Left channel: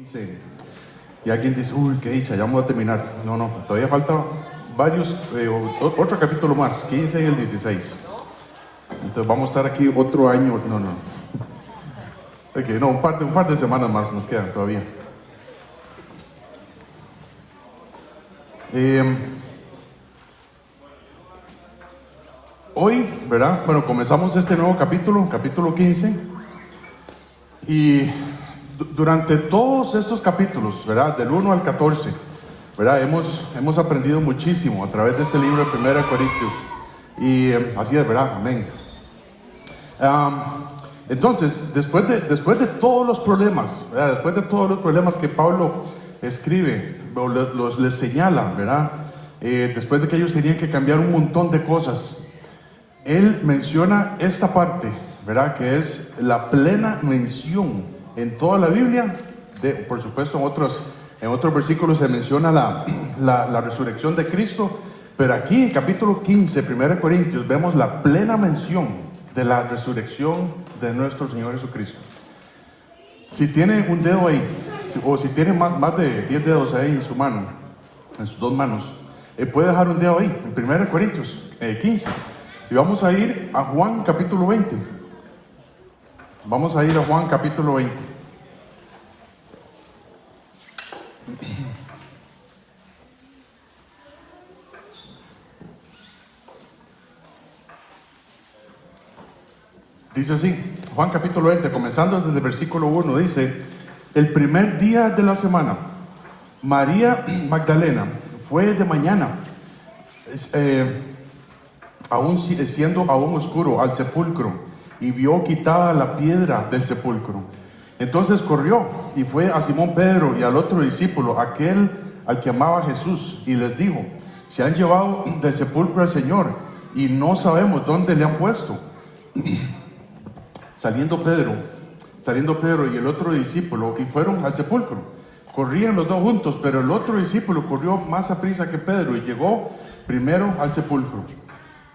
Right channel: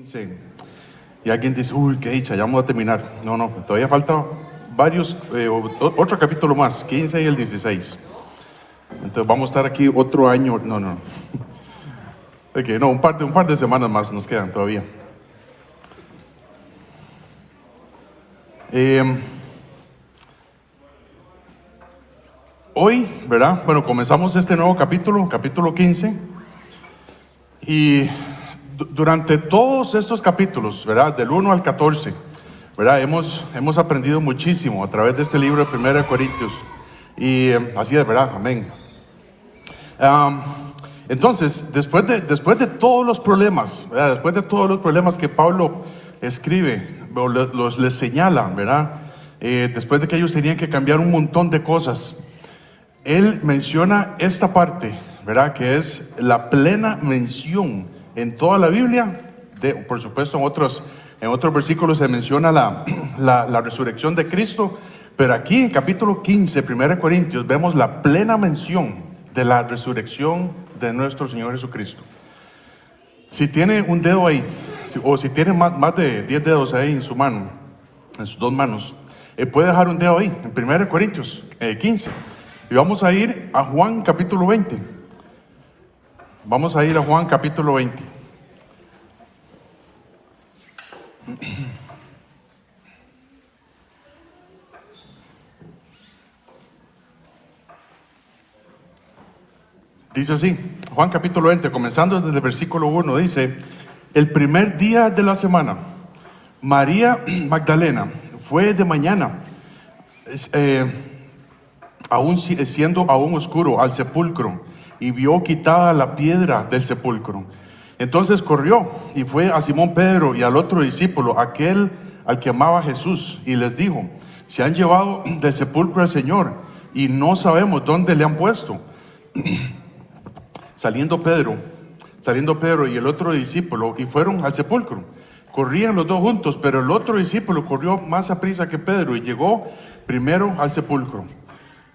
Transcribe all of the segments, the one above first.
15. Y alguien dice, uy, qué dicha, ya vamos a terminar. No, todavía falta varios, otro capítulo más, 15 y el 16. Entonces vamos a estar aquí otro año, Okay, un par de semanas más nos quedan todavía. Hoy, ¿verdad? Bueno, comenzamos este nuevo capítulo 15. Y durante todos estos capítulos, ¿verdad? Del 1 al 14, ¿verdad? Hemos aprendido muchísimo a través de este libro de 1 Corintios. Y así es, ¿verdad? Amén. Entonces, después de todos los problemas, ¿verdad? Después de todos los problemas que Pablo escribe, les señala, ¿verdad? Después de que ellos tenían que cambiar un montón de cosas, él menciona esta parte, ¿verdad? Que es la plena mención en toda la Biblia. Por supuesto, en otros versículos se menciona la resurrección de Cristo, pero aquí en capítulo 15, 1 Corintios, vemos la plena mención de la resurrección de nuestro Señor Jesucristo. Si tiene un dedo ahí, o si tiene más de 10 dedos ahí en su mano, en sus dos manos, puede dejar un dedo ahí, en 1 Corintios 15. Y vamos a ir a Juan capítulo 20. Vamos a ir a Juan capítulo 20. Dice así, Juan capítulo 20, comenzando desde el versículo 1, dice: el primer día de la semana, María Magdalena fue de mañana, siendo aún oscuro, al sepulcro, y vio quitada la piedra del sepulcro. Entonces corrió y fue a Simón Pedro y al otro discípulo, aquel al que amaba Jesús, y les dijo: se han llevado del sepulcro al Señor y no sabemos dónde le han puesto. Saliendo Pedro y el otro discípulo y fueron al sepulcro. Corrían los dos juntos, pero el otro discípulo corrió más aprisa que Pedro y llegó primero al sepulcro.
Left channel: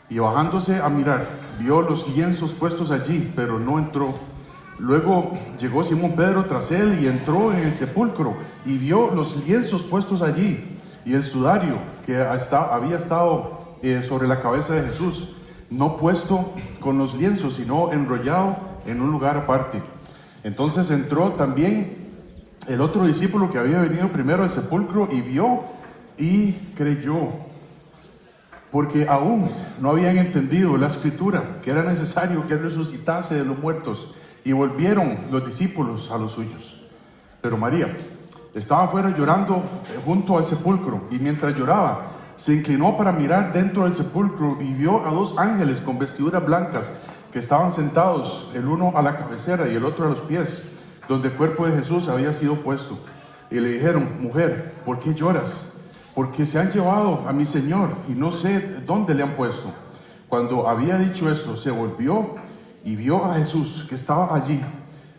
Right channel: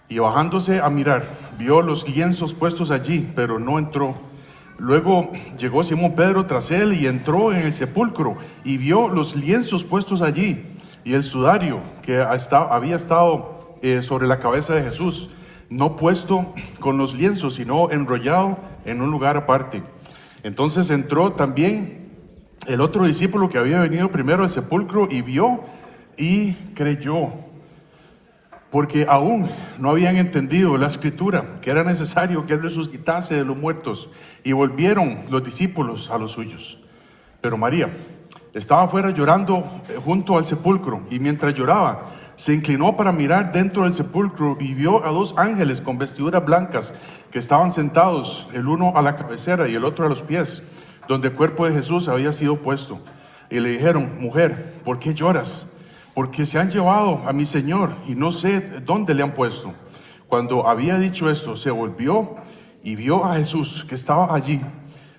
Y bajándose a mirar, vio los lienzos puestos allí, pero no entró. Luego llegó Simón Pedro tras él y entró en el sepulcro y vio los lienzos puestos allí y el sudario que había estado sobre la cabeza de Jesús, no puesto con los lienzos, sino enrollado en un lugar aparte. Entonces entró también el otro discípulo que había venido primero al sepulcro y vio y creyó, porque aún no habían entendido la escritura, que era necesario que él resucitase de los muertos, y volvieron los discípulos a los suyos. Pero María estaba afuera llorando junto al sepulcro, y mientras lloraba, se inclinó para mirar dentro del sepulcro y vio a dos ángeles con vestiduras blancas que estaban sentados, el uno a la cabecera y el otro a los pies, donde el cuerpo de Jesús había sido puesto. Y le dijeron: mujer, ¿por qué lloras? Porque se han llevado a mi Señor y no sé dónde le han puesto. Cuando había dicho esto, se volvió y vio a Jesús que estaba allí,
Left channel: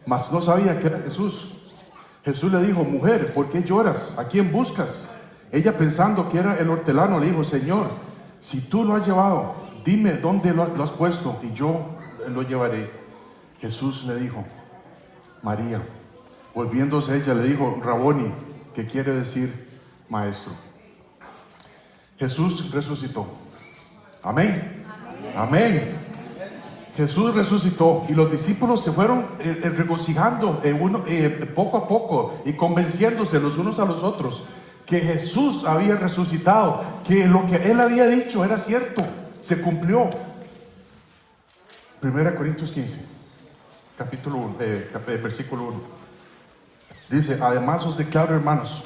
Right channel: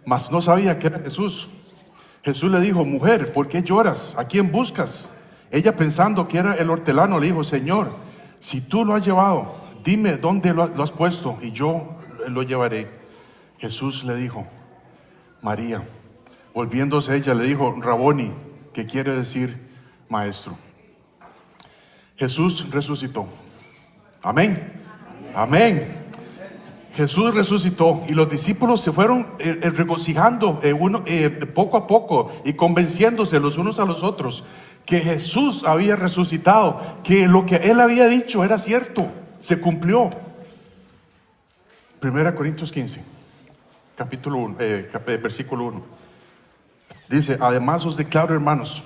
mas no sabía que era Jesús. Jesús le dijo: mujer, ¿por qué lloras? ¿A quién buscas? Ella, pensando que era el hortelano, le dijo: Señor, si tú lo has llevado, dime dónde lo has puesto y yo lo llevaré. Jesús le dijo: María. Volviéndose ella, le dijo: Raboni, que quiere decir maestro. Jesús resucitó. Amén. Amén. Jesús resucitó y los discípulos se fueron regocijando poco a poco y convenciéndose los unos a los otros que Jesús había resucitado, que lo que él había dicho era cierto, se cumplió. 1 Corintios 15, capítulo 1, versículo 1. Dice: además os declaro, hermanos,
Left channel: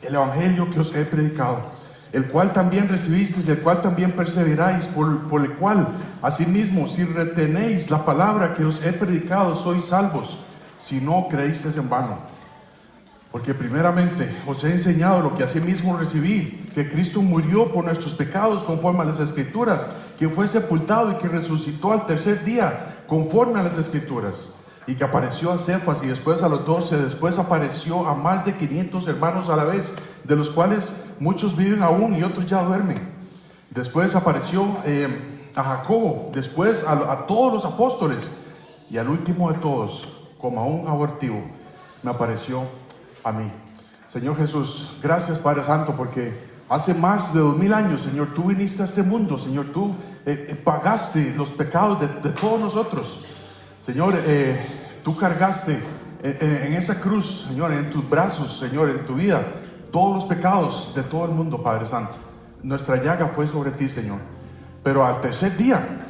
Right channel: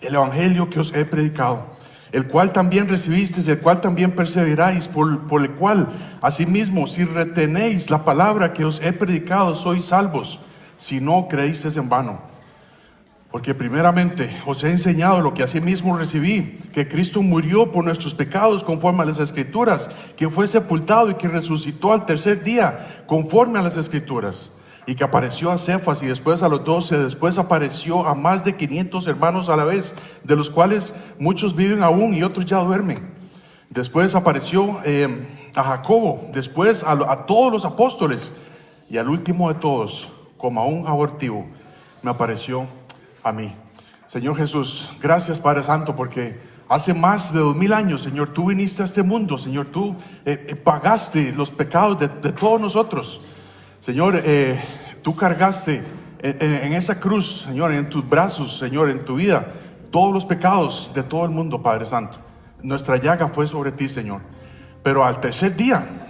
el evangelio que os he predicado, el cual también recibisteis, el cual también perseveráis, por el cual asimismo, si retenéis la palabra que os he predicado, sois salvos, si no creísteis en vano. Porque primeramente os he enseñado lo que asimismo recibí, que Cristo murió por nuestros pecados conforme a las Escrituras, que fue sepultado y que resucitó al tercer día conforme a las Escrituras, y que apareció a Cefas y después a los 12, después apareció a más de 500 hermanos a la vez, de los cuales muchos viven aún y otros ya duermen. Después apareció a Jacobo, después a todos los apóstoles, y al último de todos, como a un abortivo, me apareció a mí. Señor Jesús, gracias Padre Santo, porque hace más de 2000 años, Señor, tú viniste a este mundo, Señor, tú pagaste los pecados de todos nosotros. Señor, tú cargaste en esa cruz, Señor, en tus brazos, Señor, en tu vida, todos los pecados de todo el mundo, Padre Santo. Nuestra llaga fue sobre ti, Señor. Pero al tercer día,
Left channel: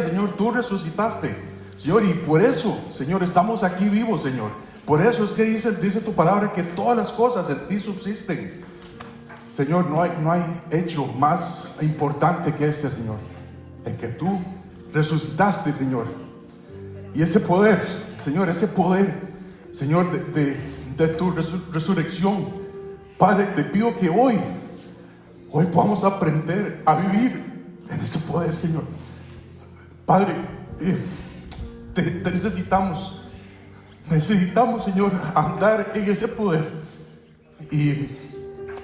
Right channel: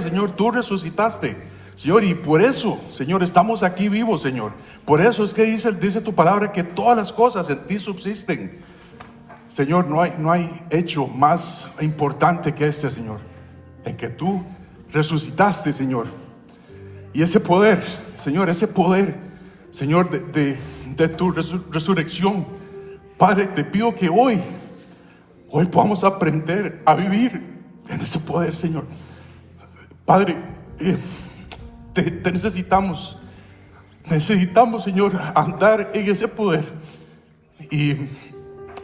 Señor, tú resucitaste, Señor, y por eso, Señor, estamos aquí vivos, Señor. Por eso es que dice tu palabra que todas las cosas en ti subsisten. Señor, no hay hecho más importante que este, Señor, en que tú resucitaste, Señor. Y ese poder, Señor, de tu resurrección, Padre, te pido que hoy podamos aprender a vivir en ese poder, Señor. Padre, te necesitamos, Señor, andar en ese poder. Y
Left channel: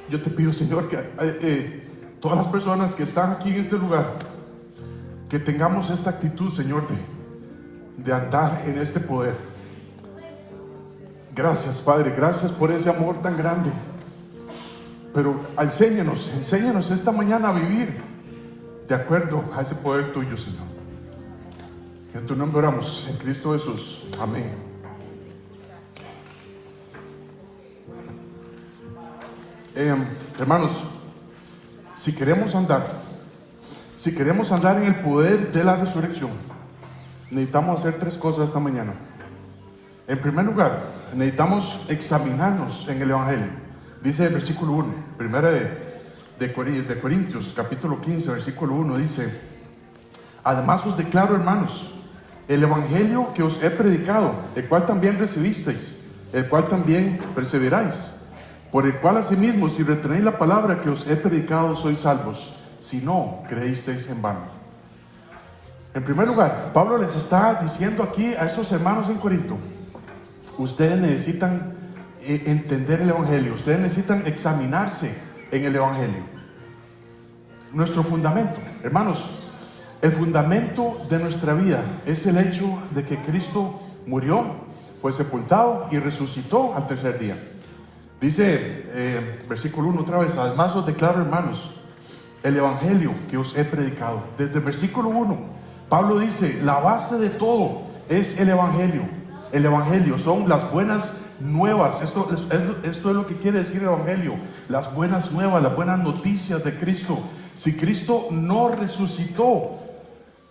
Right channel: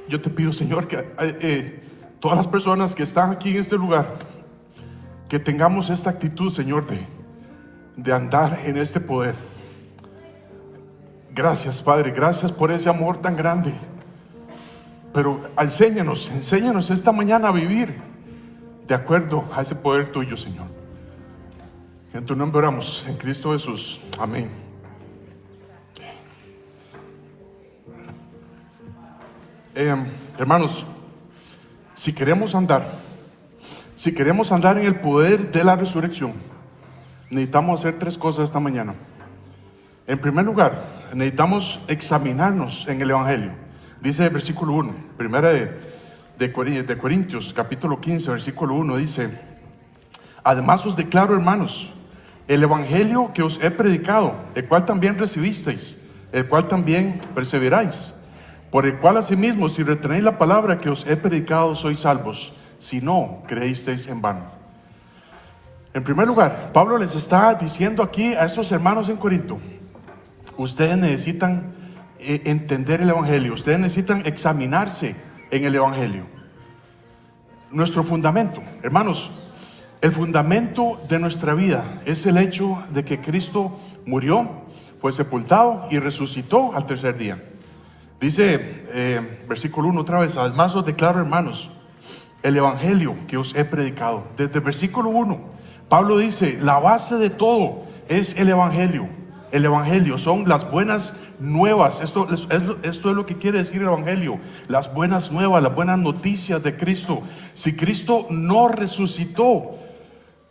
yo te pido, Señor, que todas las personas que están aquí en este lugar, que tengamos esta actitud, Señor, de andar en este poder. Gracias, Padre, gracias por ese amor tan grande. Pero enséñanos esta mañana a vivir de acuerdo a ese poder tuyo, Señor. En tu nombre oramos, en Cristo Jesús. Amén. Hermanos, si queremos andar en el poder de la resurrección, necesitamos hacer 3 cosas esta mañana. En primer lugar, necesitamos examinarnos en el Evangelio. Dice el versículo 1, primera de Corintios, capítulo 15, versículo 1, dice: además os declaro, hermanos, el Evangelio que os he predicado, el cual también recibisteis, el cual también perseveráis, por el cual asimismo, si retenéis la palabra que os he predicado, sois salvos, si no creísteis en vano. En primer lugar, Pablo les está diciendo aquí a estos hermanos en Corinto: ustedes necesitan entender el Evangelio, ustedes necesitan examinarse en el Evangelio. Nuestro fundamento, hermanos, el fundamento de nuestra vida es el hecho de que Cristo murió, fue sepultado y resucitó al tercer día. Dice, versículo 1 otra vez: además os declaro, hermanos, el Evangelio que os he predicado. Desde el versículo 1, Pablo dice: la base de todo es el Evangelio. El Evangelio son las buenas nuevas. Esto es lo que quiere decir el Evangelio: las buenas nuevas, las buenas noticias de Cristo. Si Cristo no resucitó,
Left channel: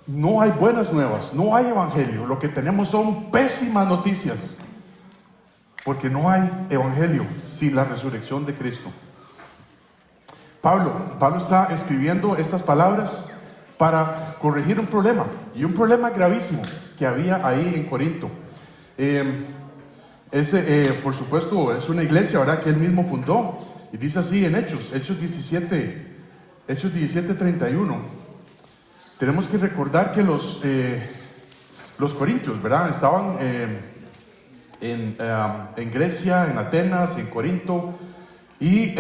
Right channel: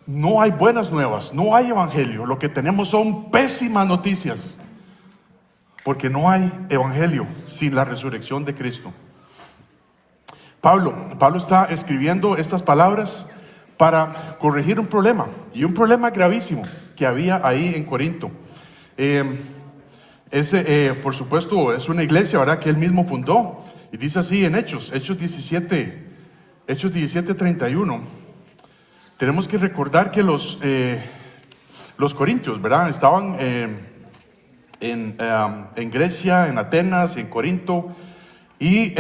no hay buenas nuevas, no hay Evangelio. Lo que tenemos son pésimas noticias, porque no hay Evangelio sin la resurrección de Cristo. Pablo está escribiendo estas palabras para corregir un problema, y un problema gravísimo que había ahí en Corinto. Por supuesto, es una iglesia, ¿verdad?, que él mismo fundó, y dice así en Hechos 17:31. Tenemos que recordar que los corintios, ¿verdad?, estaban en Grecia, en Atenas, en Corinto, y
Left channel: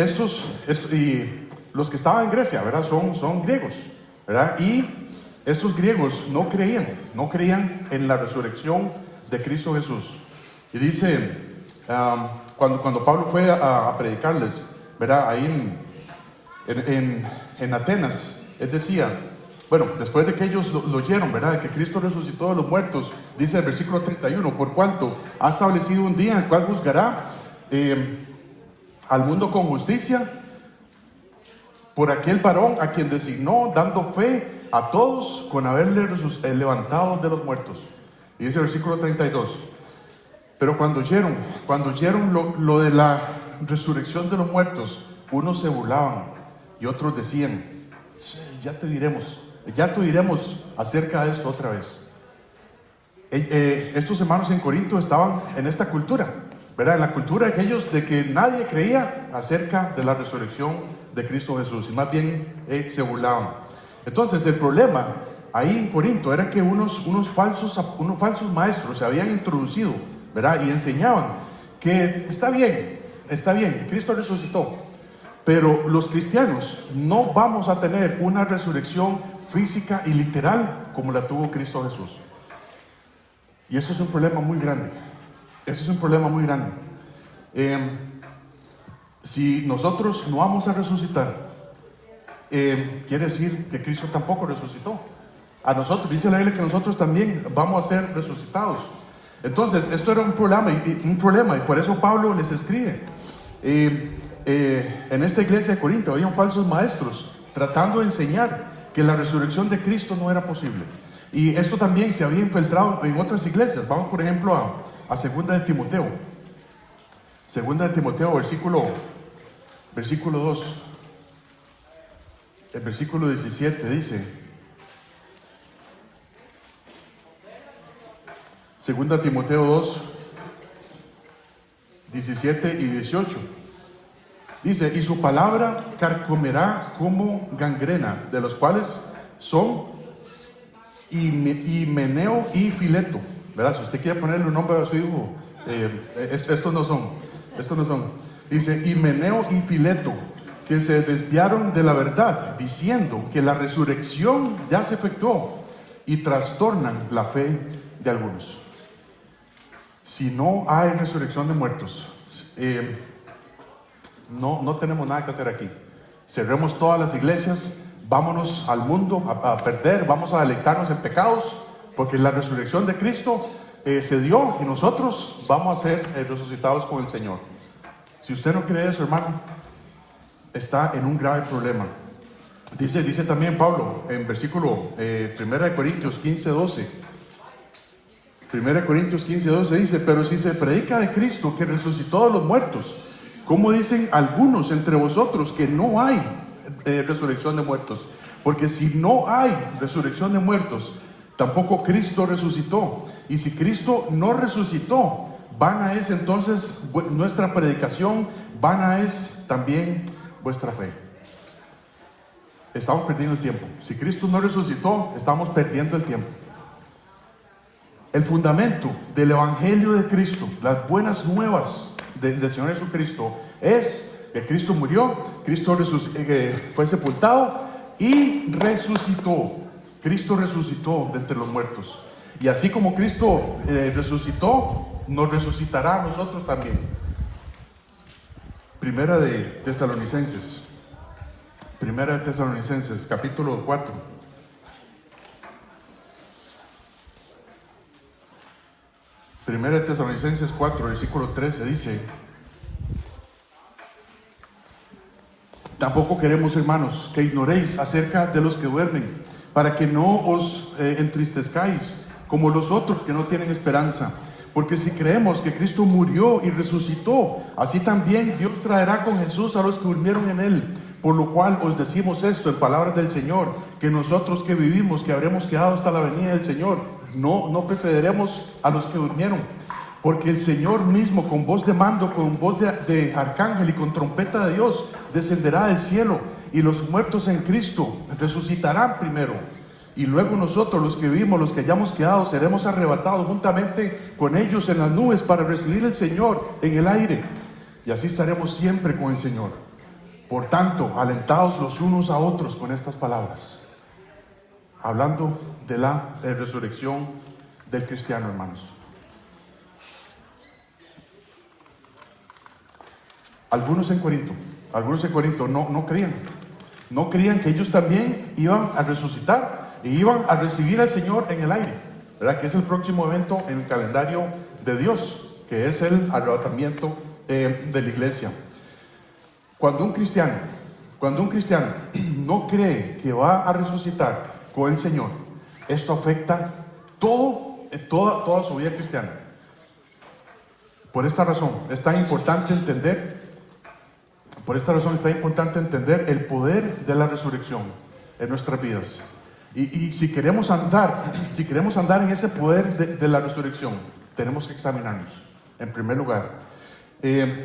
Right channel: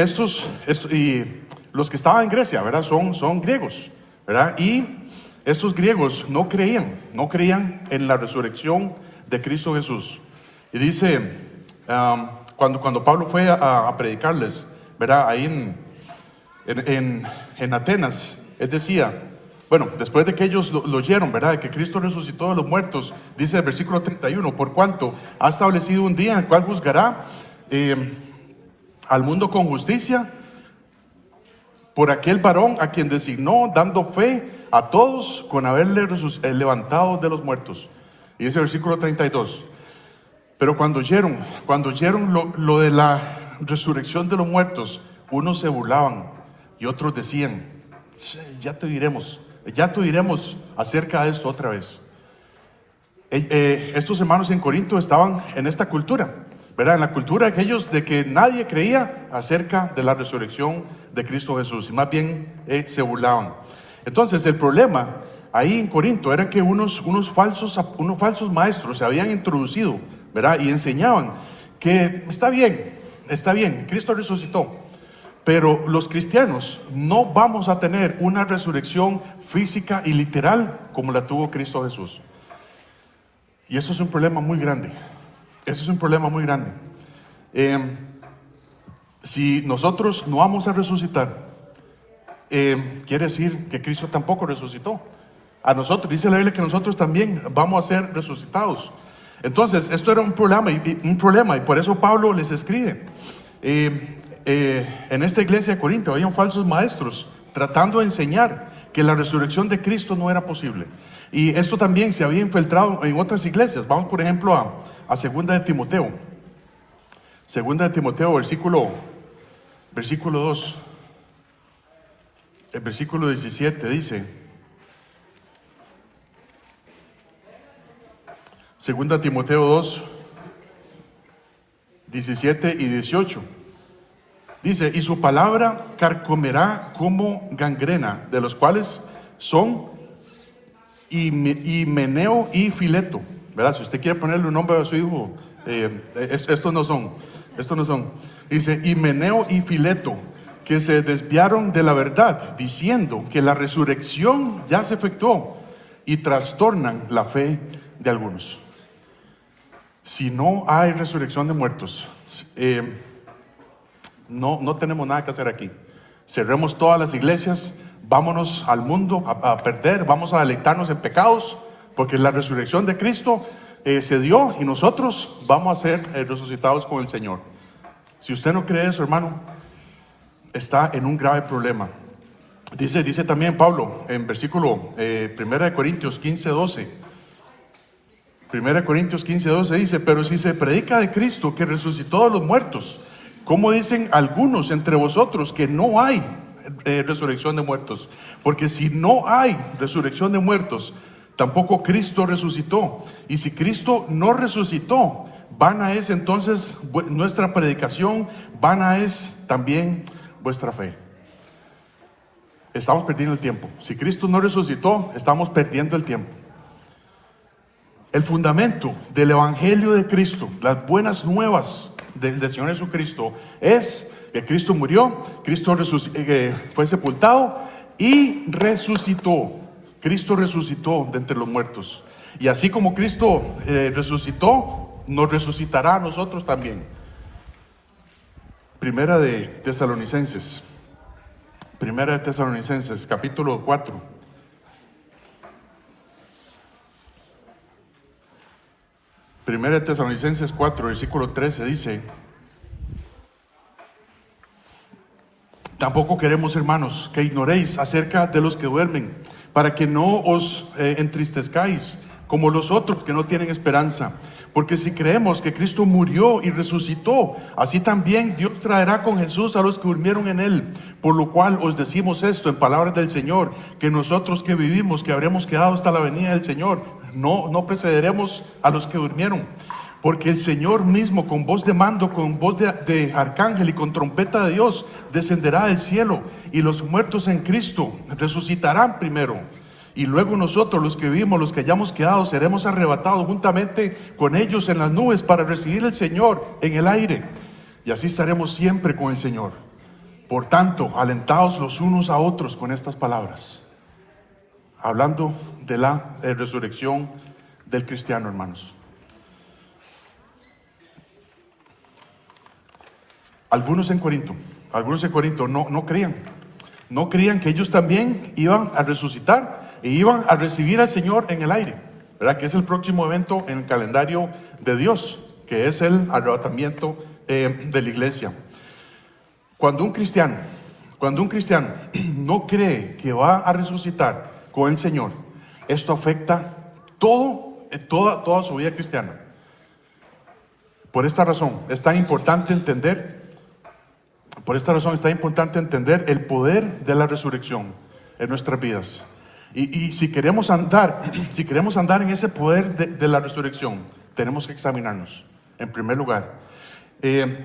los que estaban en Grecia, ¿verdad?, son griegos, ¿verdad? Y estos griegos no creían en la resurrección de Cristo Jesús. Y dice, cuando Pablo fue a predicarles, ¿verdad?, ahí en Atenas, él decía, bueno, después de que ellos lo oyeron, ¿verdad?, que Cristo resucitó de los muertos, dice el versículo 31, por cuanto ha establecido un día en el cual juzgará al mundo con justicia, por aquel varón a quien designó, dando fe a todos con haberle levantado de los muertos. Y dice el versículo 32, pero cuando oyeron lo de la resurrección de los muertos, unos se burlaban y otros decían: ya te diremos acerca de esto otra vez. Estos hermanos en Corinto estaban en esta cultura, ¿verdad?, en la cultura de aquellos de que nadie creía acerca de la resurrección de Cristo Jesús, y más bien se burlaban. Entonces el problema ahí en Corinto era que unos falsos maestros se habían introducido, ¿verdad?, y enseñaban que está bien, Cristo resucitó, pero los cristianos no vamos a tener una resurrección física y literal como la tuvo Cristo Jesús. Y eso es un problema muy grande. Si nosotros no vamos a resucitar, quiere decir que Cristo tampoco resucitó. A nosotros, dice la Biblia que nosotros también vamos a ser resucitados. Entonces, esto era un problema y por eso Pablo les escribe. En esta iglesia de Corinto habían falsos maestros tratando de enseñar que la resurrección de Cristo no era posible. Y esto también se había infiltrado en otras iglesias. Vamos, por ejemplo, a 2 de Timoteo. 2 de Timoteo, versículo 2. El versículo 17 dice: 2 Timoteo 2, 17 y 18. Dice: y su palabra carcomerá como gangrena, de los cuales son Himeneo y Fileto, ¿verdad? Si usted quiere ponerle un nombre a su hijo, estos no son. Dice: Himeneo y Fileto, que se desviaron de la verdad, diciendo que la resurrección ya se efectuó, y trastornan la fe de algunos. Si no hay resurrección de muertos, no tenemos nada que hacer aquí. Cerremos todas las iglesias, vámonos al mundo a perder, vamos a deleitarnos en pecados, porque la resurrección de Cristo se dio y nosotros vamos a ser resucitados con el Señor. Si usted no cree eso, hermano, está en un grave problema. Dice también Pablo en versículo 1 Corintios 15:12. 1 Corintios 15:12 dice: pero si se predica de Cristo que resucitó de los muertos, ¿cómo dicen algunos entre vosotros que no hay resurrección de muertos? Porque si no hay resurrección de muertos, tampoco Cristo resucitó. Y si Cristo no resucitó, vana es entonces nuestra predicación, vana es también vuestra fe. Estamos perdiendo el tiempo. Si Cristo no resucitó, estamos perdiendo el tiempo. El fundamento del Evangelio de Cristo, las buenas nuevas del Señor Jesucristo, es que Cristo murió, Cristo fue sepultado y resucitó. Cristo resucitó de entre los muertos. Y así como Cristo resucitó, nos resucitará a nosotros también. Primera de Tesalonicenses, capítulo 4. Primera de Tesalonicenses 4, versículo 13 dice: tampoco queremos, hermanos, que ignoréis acerca de los que duermen, para que no os entristezcáis como los otros que no tienen esperanza. Porque si creemos que Cristo murió y resucitó, así también Dios traerá con Jesús a los que durmieron en él. Por lo cual os decimos esto en palabras del Señor, que nosotros que vivimos, que habremos quedado hasta la venida del Señor, no precederemos a los que durmieron. Porque el Señor mismo, con voz de mando, con voz de arcángel y con trompeta de Dios, descenderá del cielo, y los muertos en Cristo resucitarán primero. Y luego nosotros, los que vivimos, los que hayamos quedado, seremos arrebatados juntamente con ellos en las nubes para recibir al Señor en el aire. Y así estaremos siempre con el Señor. Por tanto, alentaos los unos a otros con estas palabras. Hablando de la resurrección del cristiano, hermanos. Algunos en Corinto no creían que ellos también iban a resucitar e iban a recibir al Señor en el aire, ¿verdad? Que es el próximo evento en el calendario de Dios, que es el arrebatamiento de la iglesia. Cuando un cristiano no cree que va a resucitar con el Señor, esto afecta toda su vida cristiana. Por esta razón es tan importante entender el poder de la resurrección en nuestras vidas. Y si queremos andar en ese poder de la resurrección, tenemos que examinarnos en primer lugar.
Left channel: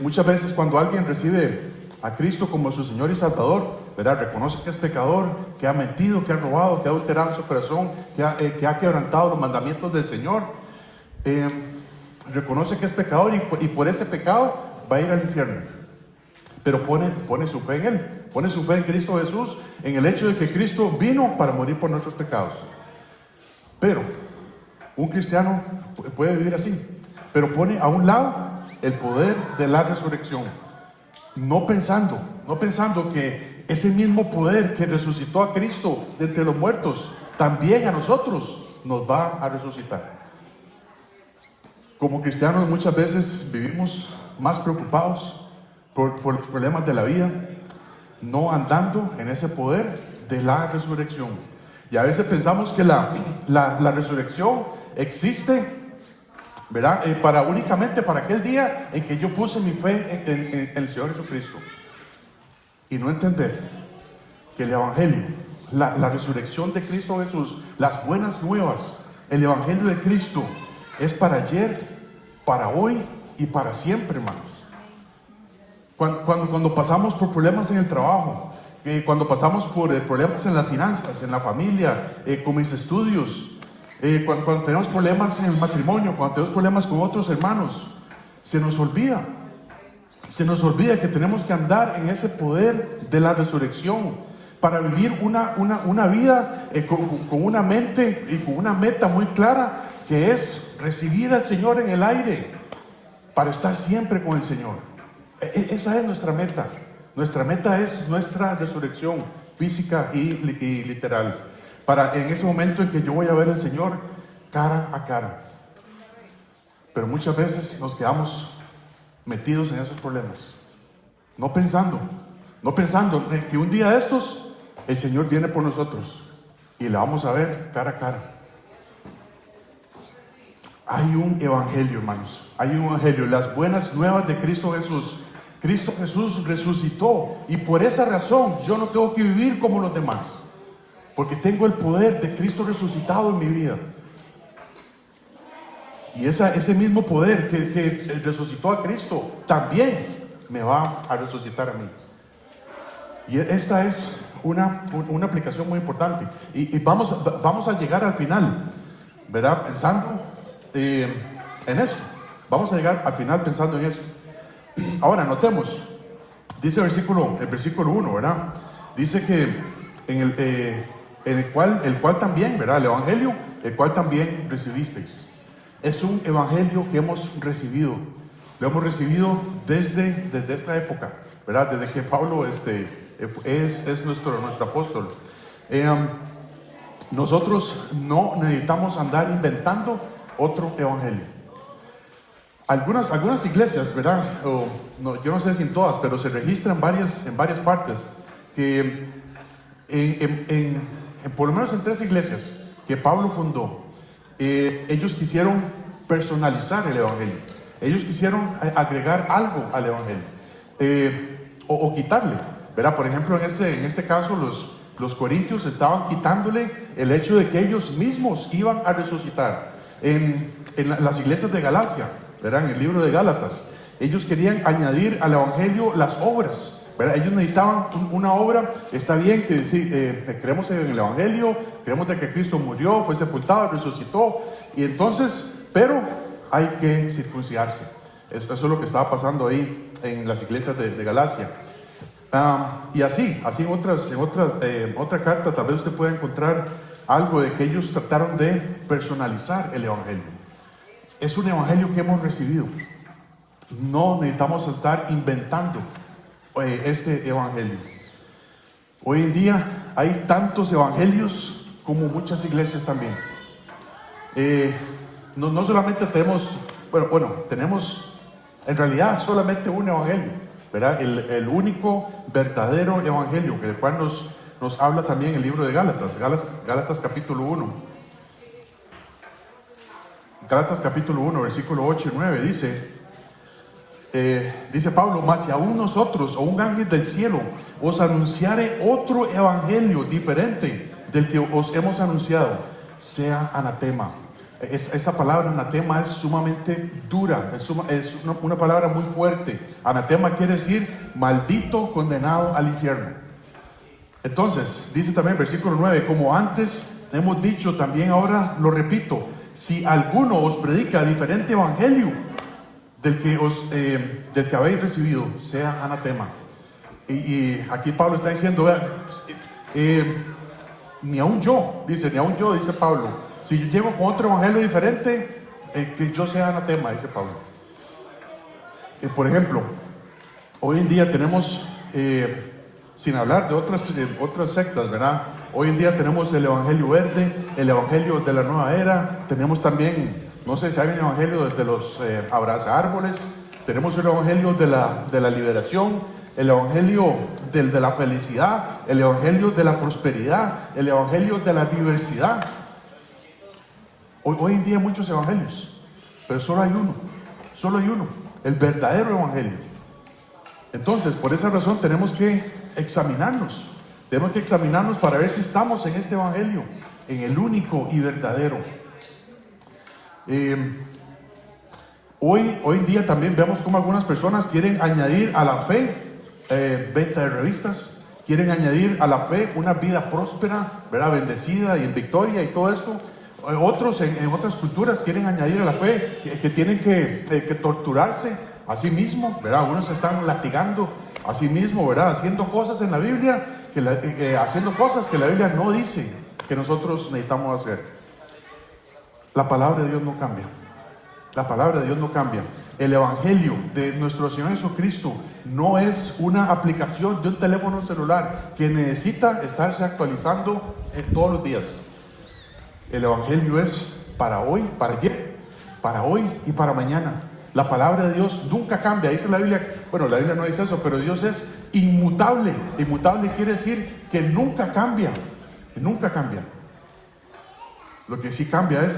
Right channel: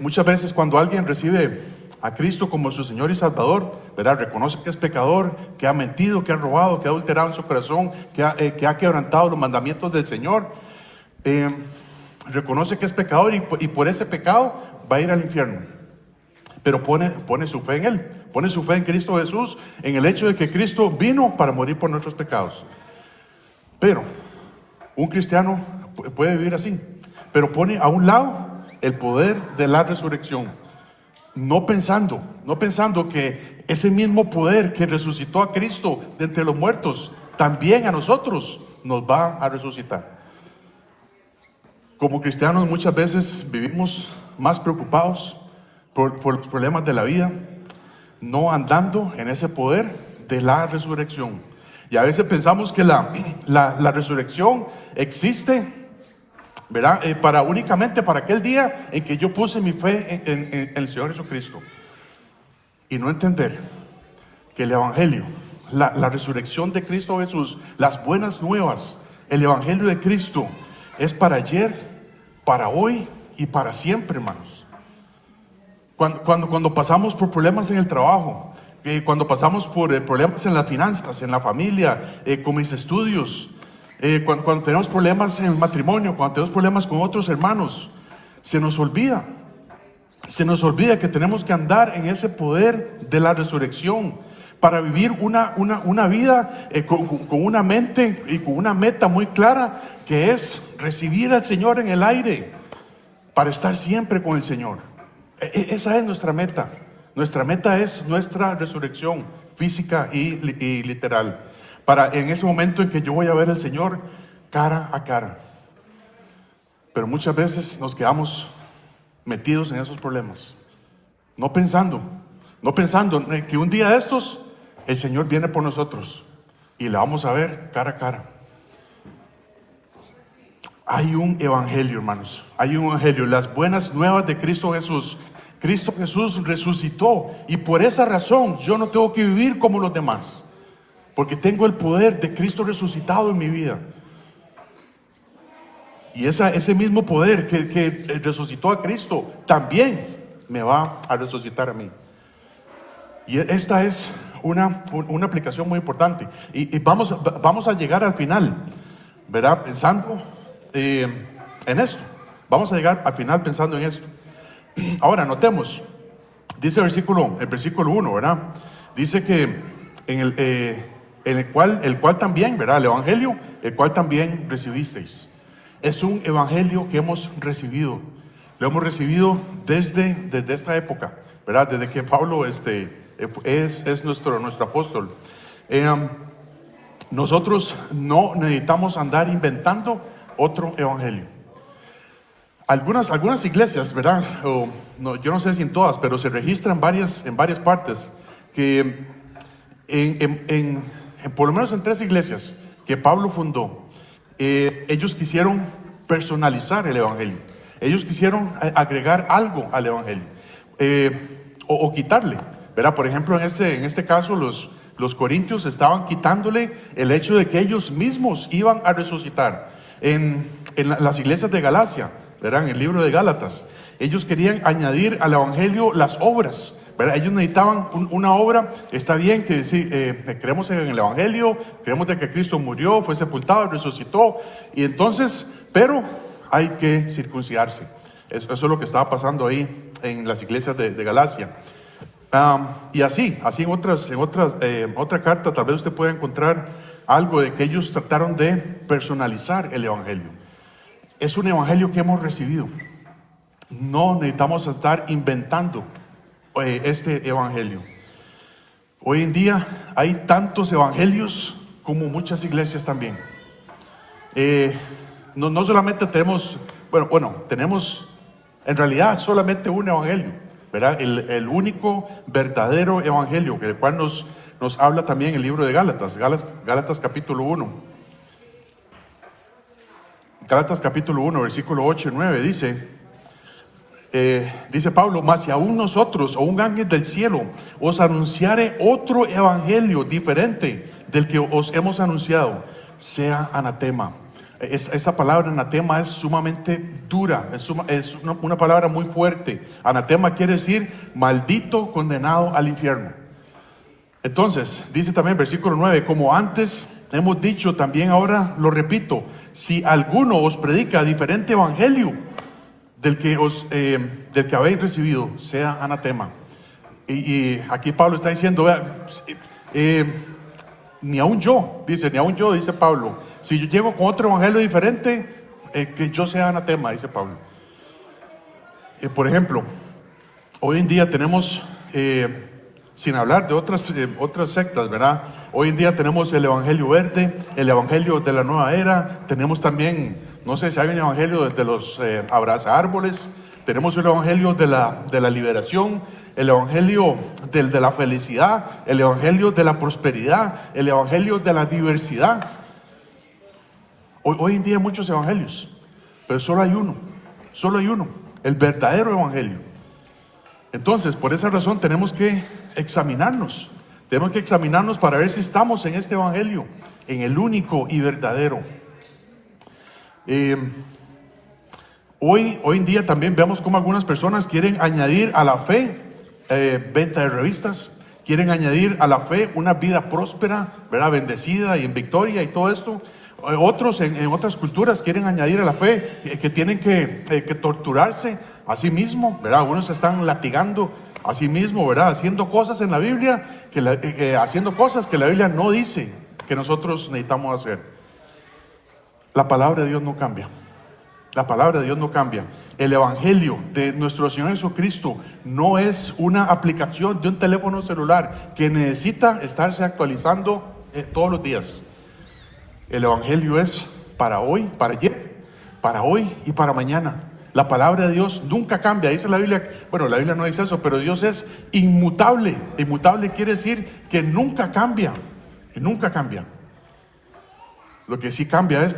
Muchas veces cuando alguien recibe a Cristo como su Señor y Salvador, ¿verdad? Reconoce que es pecador, que ha mentido, que ha robado, que ha adulterado su corazón, que ha quebrantado los mandamientos del Señor. Reconoce que es pecador y por ese pecado va a ir al infierno. Pero pone su fe en Él, pone su fe en Cristo Jesús, en el hecho de que Cristo vino para morir por nuestros pecados. Pero un cristiano puede vivir así, pero pone a un lado el poder de la resurrección. No pensando que ese mismo poder que resucitó a Cristo de entre los muertos, también a nosotros nos va a resucitar. Como cristianos muchas veces vivimos más preocupados por los problemas de la vida, no andando en ese poder de la resurrección. Y a veces pensamos que la resurrección existe, ¿verdad? Únicamente para aquel día en que yo puse mi fe en el Señor Jesucristo. Y no entender que el Evangelio, la resurrección de Cristo Jesús, las buenas nuevas, el Evangelio de Cristo es para ayer, para hoy y para siempre, hermanos. Cuando pasamos por problemas en el trabajo, cuando pasamos por problemas en las finanzas, en la familia, con mis estudios, cuando tenemos problemas en el matrimonio, cuando tenemos problemas con otros hermanos, se nos olvida que tenemos que andar en ese poder de la resurrección para vivir una vida con una mente y con una meta muy clara, que es recibir al Señor en el aire para estar siempre con el Señor. Esa es nuestra meta. Nuestra meta es nuestra resurrección física y literal, para en ese momento en que yo voy a ver al Señor cara a cara. Pero muchas veces nos quedamos metidos en esos problemas, no pensando que un día de estos el Señor viene por nosotros y la vamos a ver cara a cara. Hay un evangelio, hermanos, hay un evangelio, las buenas nuevas de Cristo Jesús. Cristo Jesús resucitó, y por esa razón yo no tengo que vivir como los demás, porque tengo el poder de Cristo resucitado en mi vida. Y ese mismo poder que resucitó a Cristo también me va a resucitar a mí. Y esta es una aplicación muy importante. Y vamos a llegar al final, ¿verdad? Pensando en esto. Vamos a llegar al final pensando en esto. Ahora, notemos, dice el versículo 1, ¿verdad? Dice que el cual también, ¿verdad? El evangelio, el cual también recibisteis. Es un evangelio que hemos recibido. Lo hemos recibido desde esta época, ¿verdad? Desde que Pablo es nuestro apóstol. Nosotros no necesitamos andar inventando otro evangelio. Algunas iglesias, ¿verdad? Yo no sé si en todas, pero se registran en varias partes que por lo menos en 3 iglesias que Pablo fundó, ellos quisieron personalizar el evangelio. Ellos quisieron agregar algo al evangelio, o quitarle, ¿verdad? Por ejemplo, en este caso los corintios estaban quitándole el hecho de que ellos mismos iban a resucitar. En las iglesias de Galacia, ¿verdad? En el libro de Gálatas, ellos querían añadir al evangelio las obras, ¿verdad? Ellos necesitaban una obra. Está bien que creemos en el evangelio, creemos de que Cristo murió, fue sepultado, resucitó, y entonces, pero hay que circuncidarse. Eso es lo que estaba pasando ahí en las iglesias de Galacia. Y así en otra carta tal vez usted pueda encontrar algo de que ellos trataron de personalizar el evangelio. Es un evangelio que hemos recibido. No necesitamos estar inventando este evangelio. Hoy en día hay tantos evangelios como muchas iglesias también. No solamente tenemos, tenemos en realidad solamente un evangelio, ¿verdad? El único verdadero evangelio, del cual nos habla también el libro de Gálatas capítulo 1. Gálatas capítulo 1, versículo 8 y 9 dice Pablo: mas si aún nosotros o un ángel del cielo os anunciare otro evangelio diferente del que os hemos anunciado, sea anatema. Esa palabra anatema es sumamente dura, es una palabra muy fuerte. Anatema quiere decir maldito, condenado al infierno. Entonces, dice también versículo 9: como antes hemos dicho, también ahora lo repito, si alguno os predica diferente evangelio del que habéis recibido, sea anatema. Y aquí Pablo está diciendo, ni aún yo, dice Pablo, si yo llego con otro evangelio diferente, que yo sea anatema, dice Pablo. Por ejemplo, hoy en día tenemos, sin hablar de otras sectas, ¿verdad? Hoy en día tenemos el Evangelio Verde, el Evangelio de la Nueva Era, tenemos también, no sé si hay un Evangelio de los abraza árboles, tenemos un Evangelio de la liberación, el Evangelio de la felicidad, el Evangelio de la prosperidad, el Evangelio de la diversidad. Hoy en día hay muchos evangelios, pero solo hay uno, el verdadero Evangelio. Entonces, por esa razón tenemos que examinarnos para ver si estamos en este Evangelio, en el único y verdadero. Hoy en día también vemos cómo algunas personas quieren añadir a la fe venta de revistas, quieren añadir a la fe una vida próspera, ¿verdad? Bendecida y en victoria y todo esto. Otros en otras culturas quieren añadir a la fe que tienen que torturarse a sí mismo, ¿verdad? Algunos se están latigando a sí mismo, ¿verdad? Haciendo cosas en la Biblia, haciendo cosas que la Biblia no dice que nosotros necesitamos hacer. La palabra de Dios no cambia. La palabra de Dios no cambia. El Evangelio de nuestro Señor Jesucristo no es una aplicación de un teléfono celular que necesita estarse actualizando todos los días. El Evangelio es para hoy, para ayer, para hoy y para mañana. La palabra de Dios nunca cambia. Dice la Biblia, bueno, la Biblia no dice eso, pero Dios es inmutable. Inmutable quiere decir que nunca cambia. Y nunca cambia. Lo que sí cambia es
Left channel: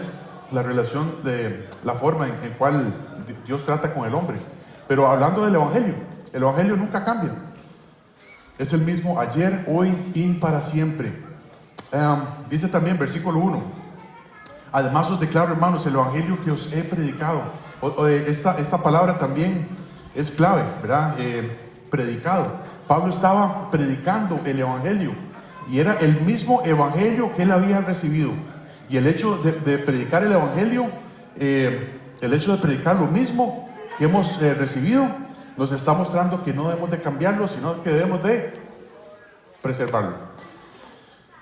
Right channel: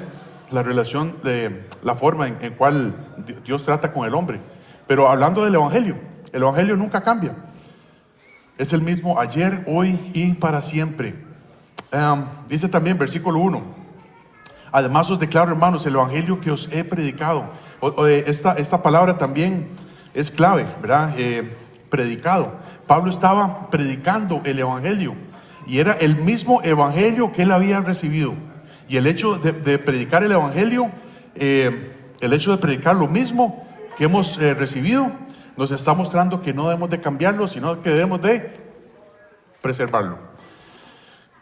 la relación de la forma en cual Dios trata con el hombre. Pero hablando del Evangelio, el Evangelio nunca cambia. Es el mismo ayer, hoy y para siempre. Dice también versículo 1. Además os declaro, hermanos, el Evangelio que os he predicado. Esta palabra también es clave, ¿verdad? Predicado. Pablo estaba predicando el Evangelio y era el mismo Evangelio que él había recibido. Y el hecho de predicar el Evangelio, el hecho de predicar lo mismo que hemos recibido, nos está mostrando que no debemos de cambiarlo, sino que debemos de preservarlo.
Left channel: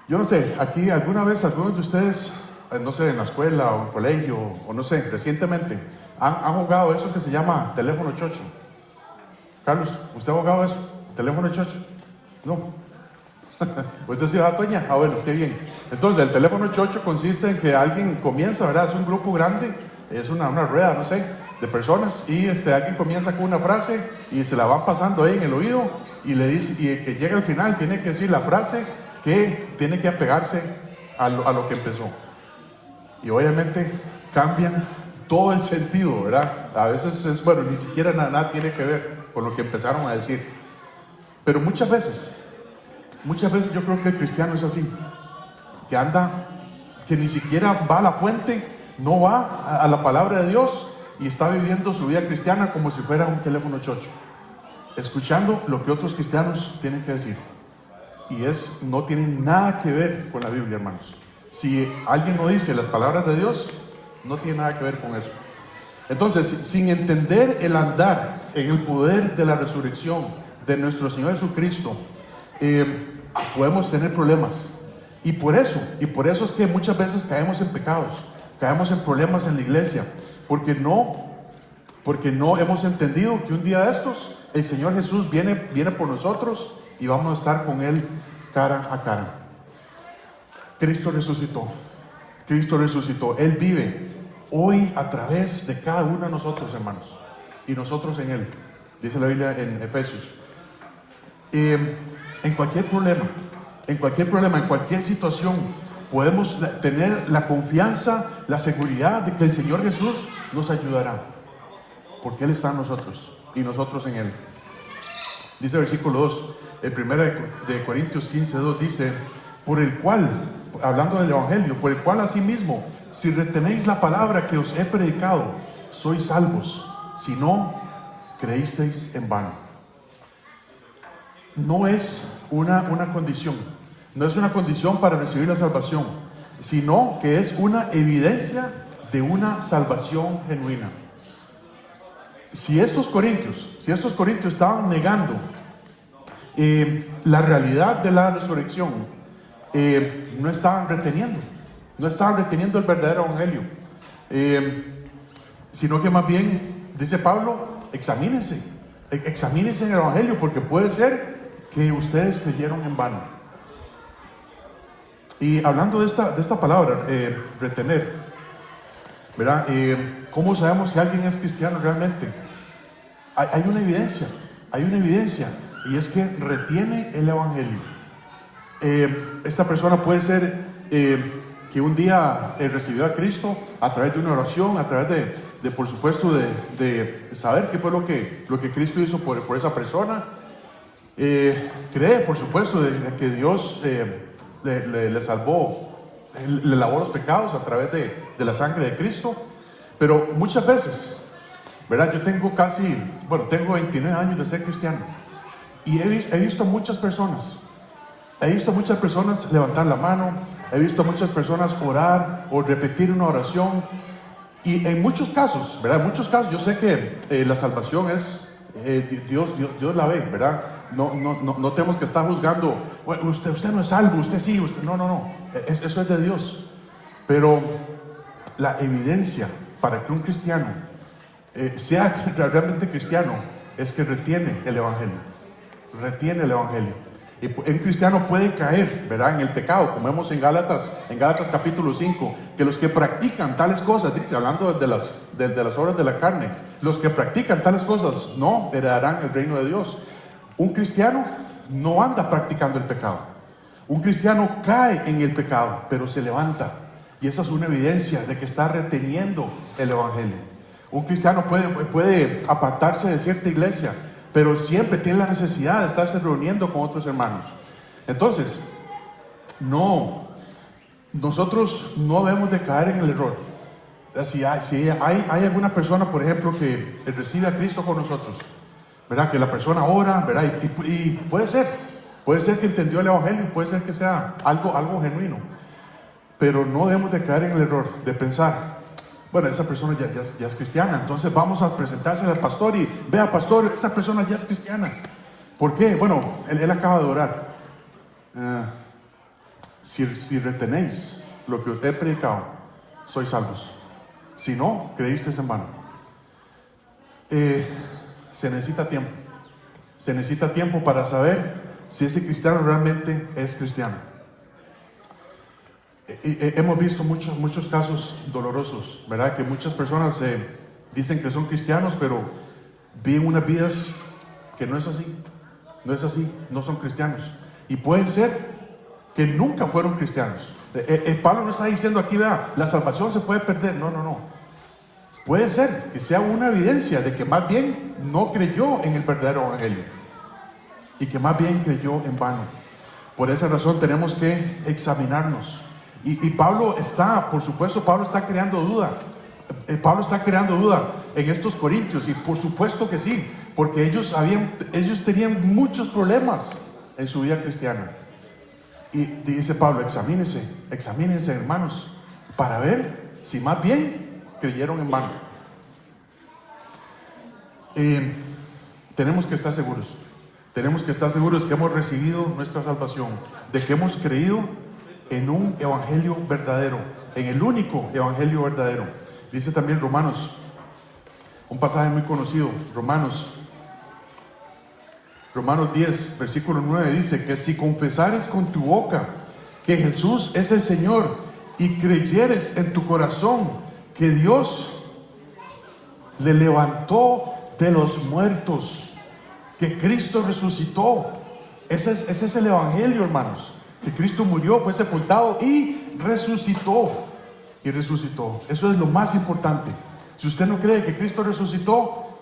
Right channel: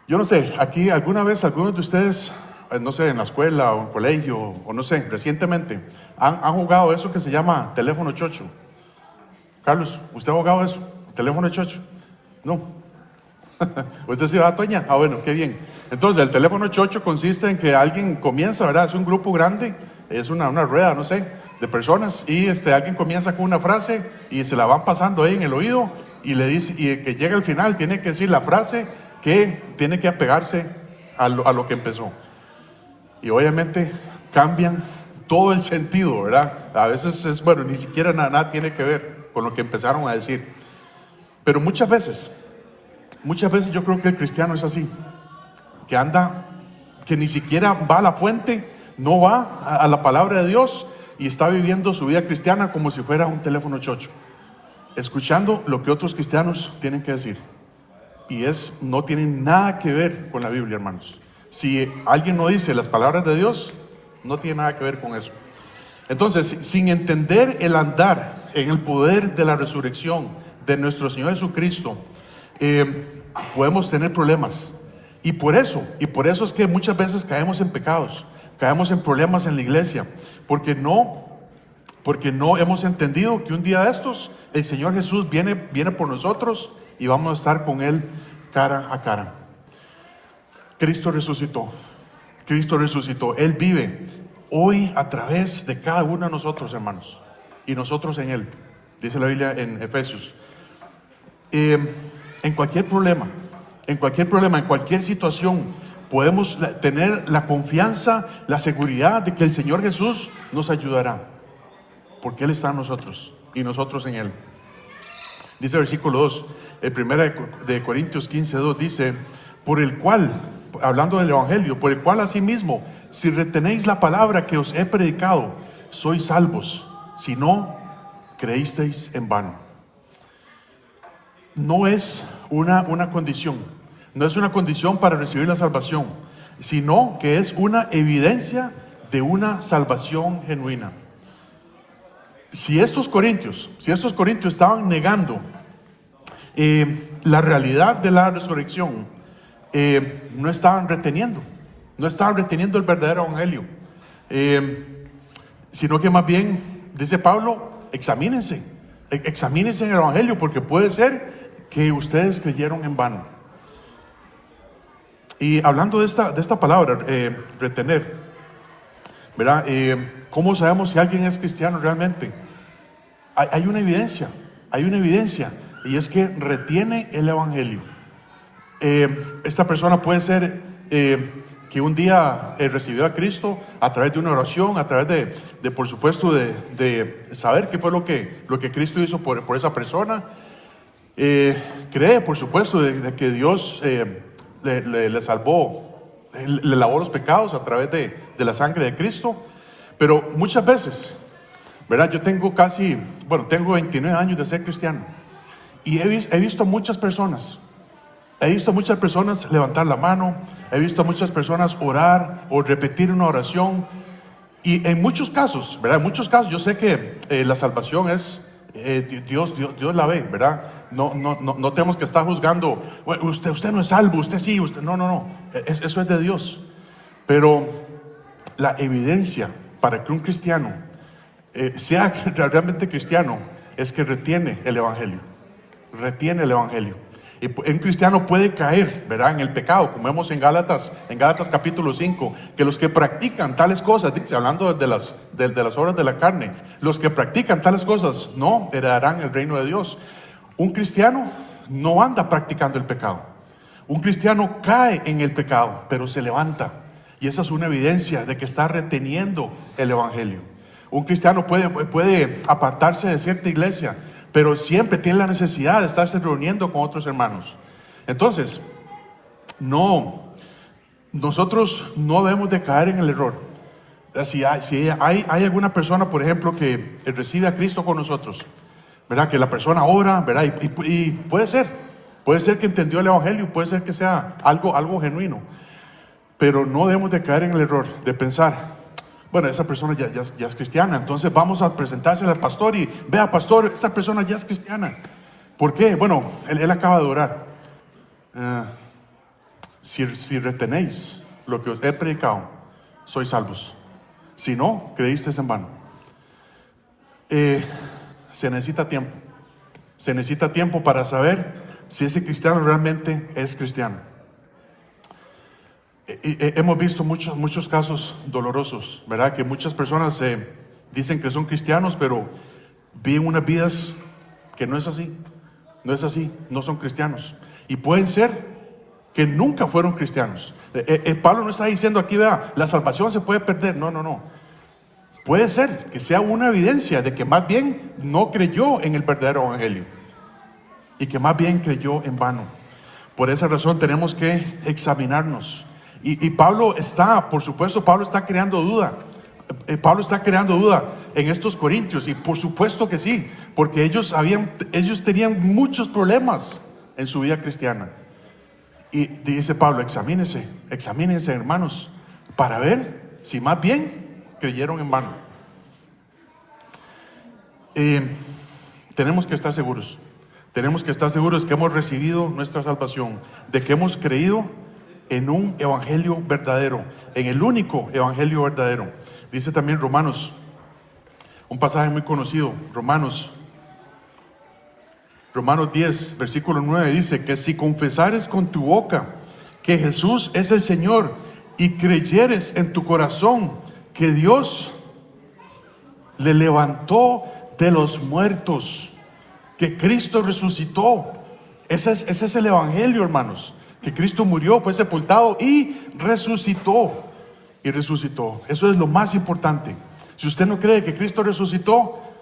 Yo no sé, aquí alguna vez algunos de ustedes, no sé, en la escuela o en el colegio, o no sé, recientemente, han jugado eso que se llama teléfono chocho. Carlos, ¿usted ha jugado eso? ¿Teléfono chocho? No. ¿Usted sí va, Toña? Ah, bueno, qué bien. Entonces, el teléfono chocho consiste en que alguien comienza, ¿verdad? Es un grupo grande, es una rueda, no sé, de personas, y alguien comienza con una frase y se la van pasando ahí en el oído y le dice, y que llega al final tiene que decir la frase que tiene que apegarse a lo que empezó. Y obviamente cambian todo el sentido, ¿verdad? A veces bueno, ni siquiera nada tiene que ver con lo que empezaron a decir. Pero muchas veces yo creo que el cristiano es así, que ni siquiera va a la fuente, no va a la palabra de Dios y está viviendo su vida cristiana como si fuera un teléfono chocho, escuchando lo que otros cristianos tienen que decir. Y no tiene nada que ver con la Biblia, hermanos. Si alguien no dice las palabras de Dios, no tiene nada que ver con eso. Entonces, sin entender el andar en el poder de la resurrección de nuestro Señor Jesucristo, podemos tener problemas. Y por eso es que muchas veces caemos en pecados, caemos en problemas en la iglesia, porque no hemos entendido que un día de estos el Señor Jesús viene por nosotros y vamos a estar con Él cara a cara. Cristo resucitó, Él vive hoy a través de cada uno de nosotros, hermanos, y nosotros en Él, dice la Biblia en Efesios. En cualquier problema, en cualquier situación, podemos tener la confianza, la seguridad de que el Señor Jesús nos ayudará, porque Él está en nosotros y nosotros en Él. Dice el versículo 2, el 1 de Corintios 15:2 dice, por el cual, hablando del Evangelio, por el cual asimismo, si retenéis la palabra que os he predicado, sois salvos, si no creísteis en vano. No es una condición, no es una condición para recibir la salvación, sino que es una evidencia de una salvación genuina. Si estos corintios estaban negando la realidad de la resurrección, no estaban reteniendo el verdadero evangelio, sino que más bien, dice Pablo, examínense en el Evangelio, porque puede ser que ustedes creyeron en vano. Y hablando de esta palabra, retener, ¿verdad? ¿Cómo sabemos si alguien es cristiano realmente? Hay una evidencia, y es que retiene el Evangelio. Esta persona puede ser que un día recibió a Cristo a través de una oración, a través de por supuesto, de saber qué fue lo que Cristo hizo por esa persona. Cree, por supuesto, de que Dios le salvó, le lavó los pecados a través de la sangre de Cristo. Pero muchas veces, ¿verdad? Yo tengo tengo 29 años de ser cristiano, y he visto muchas personas levantar la mano, he visto muchas personas orar o repetir una oración, y en muchos casos, ¿verdad? En muchos casos yo sé que la salvación es, Dios la ve, ¿verdad? No tenemos que estar juzgando, bueno, usted no es salvo, usted sí, usted, no, eso es de Dios. Pero la evidencia para que un cristiano sea realmente cristiano es que retiene el Evangelio. Y un cristiano puede caer, ¿verdad?, en el pecado, como vemos en Gálatas capítulo 5, que los que practican tales cosas, dice, hablando de las obras de la carne, los que practican tales cosas no heredarán el reino de Dios. Un cristiano no anda practicando el pecado. Un cristiano cae en el pecado, pero se levanta, y esa es una evidencia de que está reteniendo el Evangelio. Un cristiano puede apartarse de cierta iglesia, pero siempre tiene la necesidad de estarse reuniendo con otros hermanos. Entonces, nosotros no debemos de caer en el error. Si hay alguna persona, por ejemplo, que recibe a Cristo con nosotros, ¿verdad? Que la persona ora, ¿verdad? Y puede ser que entendió el Evangelio, y puede ser que sea algo genuino. Pero no debemos de caer en el error de pensar, bueno, esa persona ya es cristiana, entonces vamos a presentársela al pastor y, vea, pastor, esa persona ya es cristiana. ¿Por qué? Bueno, él acaba de orar. Si retenéis lo que os he predicado, sois salvos. Si no, creísteis en vano. Se necesita tiempo. Se necesita tiempo para saber si ese cristiano realmente es cristiano. Hemos visto muchos casos dolorosos, ¿verdad? Que muchas personas dicen que son cristianos, pero viven unas vidas que no es así, no son cristianos. Y pueden ser que nunca fueron cristianos. Pablo no está diciendo aquí, vea, la salvación se puede perder. No. Puede ser que sea una evidencia de que más bien no creyó en el verdadero evangelio, y que más bien creyó en vano. Por esa razón tenemos que examinarnos. Y Pablo está creando duda. Pablo está creando duda en estos corintios, y por supuesto que sí, porque ellos tenían muchos problemas en su vida cristiana. Y dice Pablo, examínense, hermanos, para ver si más bien creyeron en vano. Tenemos que estar seguros que hemos recibido nuestra salvación, de que hemos creído en un evangelio verdadero, en el único evangelio verdadero. Dice también Romanos, un pasaje muy conocido, Romanos 10, versículo 9, dice que si confesares con tu boca que Jesús es el Señor, y creyeres en tu corazón que Dios le levantó de los muertos, que Cristo resucitó. Ese es el evangelio, hermanos. Que Cristo murió, fue sepultado y resucitó. Eso es lo más importante. Si usted no cree que Cristo resucitó,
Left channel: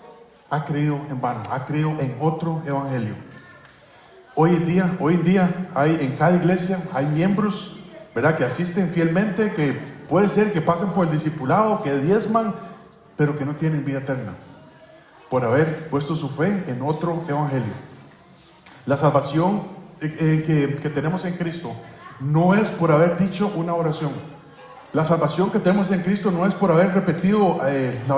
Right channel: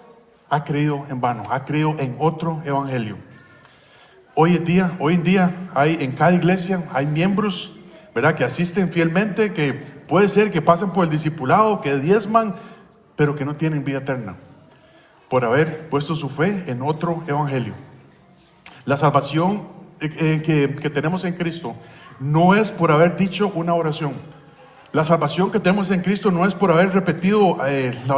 ha creído en vano, ha creído en otro evangelio. Hoy en día hay en cada iglesia, hay miembros, ¿verdad?, que asisten fielmente, que puede ser que pasen por el discipulado, que diezman, pero que no tienen vida eterna, por haber puesto su fe en otro evangelio. La salvación que tenemos en Cristo no es por haber dicho una oración. La salvación que tenemos en Cristo no es por haber repetido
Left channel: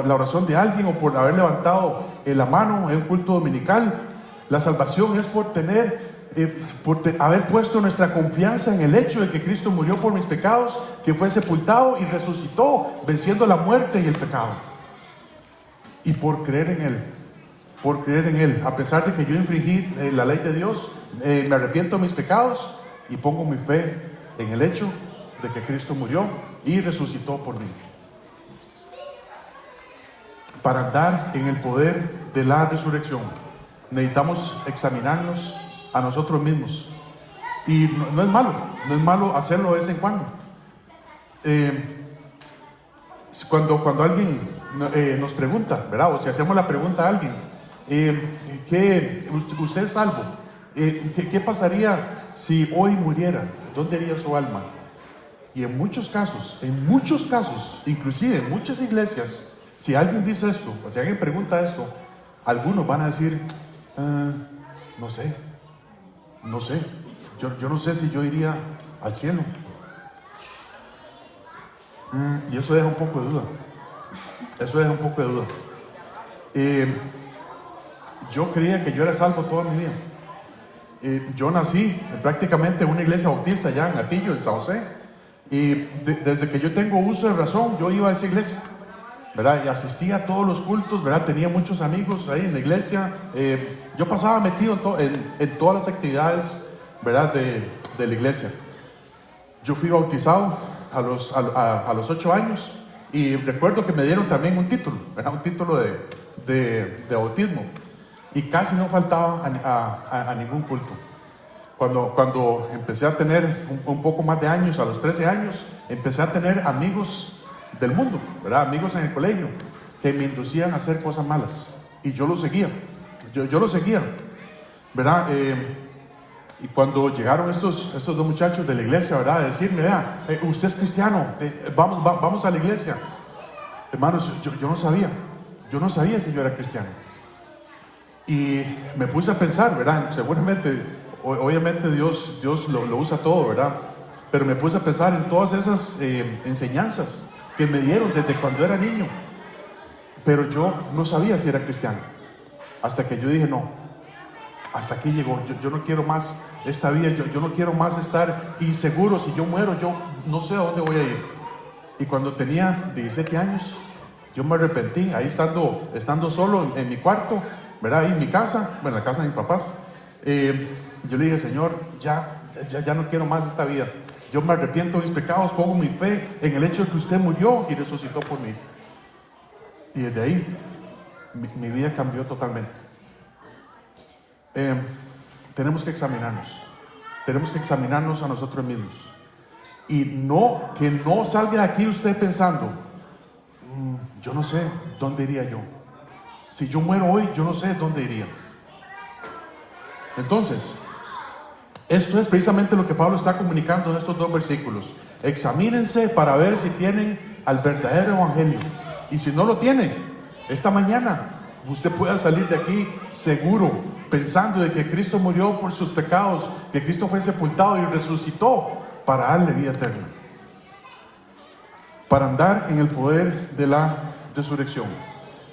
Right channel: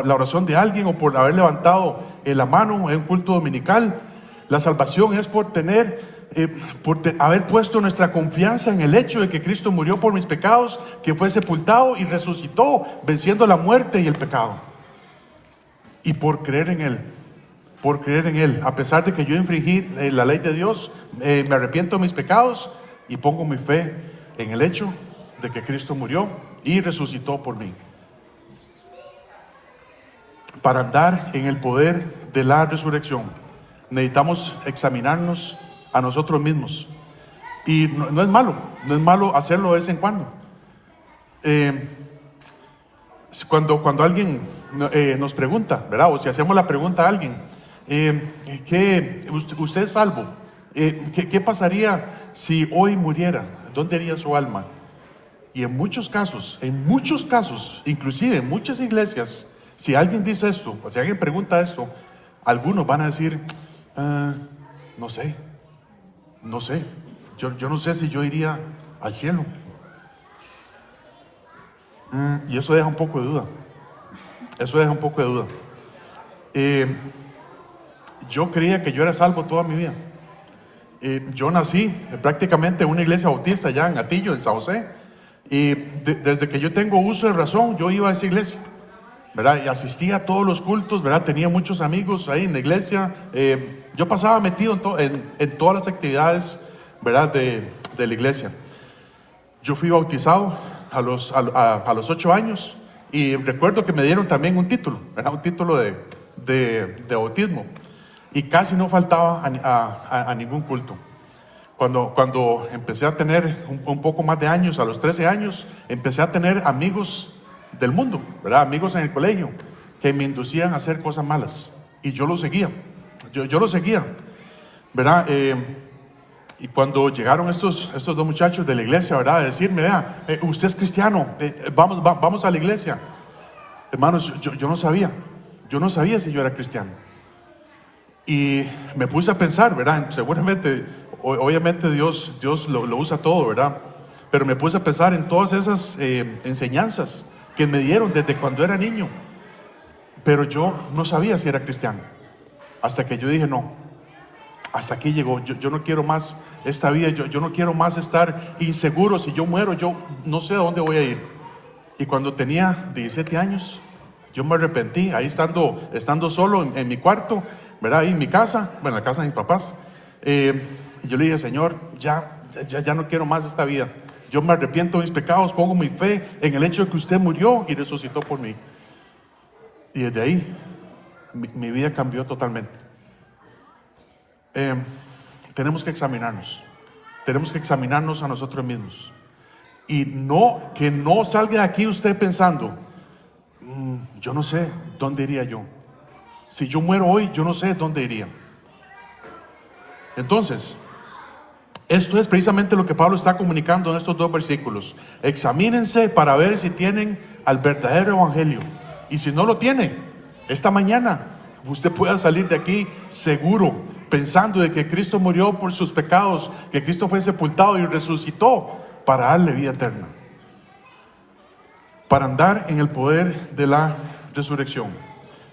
la oración de alguien, o por haber levantado la mano en un culto dominical. La salvación es por haber puesto nuestra confianza en el hecho de que Cristo murió por mis pecados, que fue sepultado y resucitó, venciendo la muerte y el pecado, y por creer en Él. por creer en Él. A pesar de que yo infringí la ley de Dios, me arrepiento de mis pecados y pongo mi fe en el hecho de que Cristo murió y resucitó por mí. Para andar en el poder de la resurrección, necesitamos examinarnos a nosotros mismos. Y no es malo hacerlo de vez en cuando. Cuando alguien nos pregunta, ¿verdad? O si hacemos la pregunta a alguien, ¿usted es salvo? ¿Qué pasaría si hoy muriera? ¿Dónde iría su alma? Y en muchos casos, inclusive en muchas iglesias, si alguien dice esto, o si alguien pregunta esto, algunos van a decir, no sé, yo no sé si yo iría al cielo. Y eso deja un poco de duda. Yo creía que yo era salvo toda mi vida. Yo nací prácticamente en una iglesia bautista allá en Atillo, en San José. Y desde que yo tengo uso de razón, yo iba a esa iglesia, ¿verdad? Y asistía a todos los cultos, ¿verdad? Tenía muchos amigos ahí en la iglesia. Yo pasaba metido en todas las actividades, ¿verdad? De la iglesia. Yo fui bautizado a los 8 años y recuerdo que me dieron también un título, ¿verdad? Un título de bautismo, y casi no faltaba a ningún culto. Cuando empecé a tener un poco más de años, a los 13 años, empecé a tener amigos del mundo, ¿verdad? Amigos en el colegio que me inducían a hacer cosas malas y yo lo seguía, yo lo seguía, ¿verdad? Y cuando llegaron estos dos muchachos de la iglesia, ¿verdad? A decirme, vea, usted es cristiano, vamos a la iglesia. Hermanos, yo no sabía si yo era cristiano. Y me puse a pensar, ¿verdad? Seguramente, obviamente Dios lo usa todo, ¿verdad? Pero me puse a pensar en todas esas enseñanzas que me dieron desde cuando era niño. Pero yo no sabía si era cristiano. Hasta que yo dije, no, hasta aquí llegó. Yo no quiero más esta vida. Yo no quiero más estar inseguro. Si yo muero, yo no sé a dónde voy a ir. Y cuando tenía 17 años, yo me arrepentí, ahí estando solo en mi cuarto, ¿verdad? Ahí en mi casa, en la casa de mis papás. Yo le dije, Señor, ya no quiero más esta vida. Yo me arrepiento de mis pecados, pongo mi fe en el hecho de que usted murió y resucitó por mí. Y desde ahí, mi vida cambió totalmente. Tenemos que examinarnos a nosotros mismos. Y que no salga de aquí usted pensando, yo no sé dónde iría yo. Si yo muero hoy, yo no sé dónde iría. Entonces, esto es precisamente lo que Pablo está comunicando en estos 2 versículos. Examínense para ver si tienen al verdadero evangelio. Y si no lo tienen, esta mañana usted pueda salir de aquí seguro, pensando de que Cristo murió por sus pecados, que Cristo fue sepultado y resucitó para darle vida eterna, para andar en el poder de la resurrección.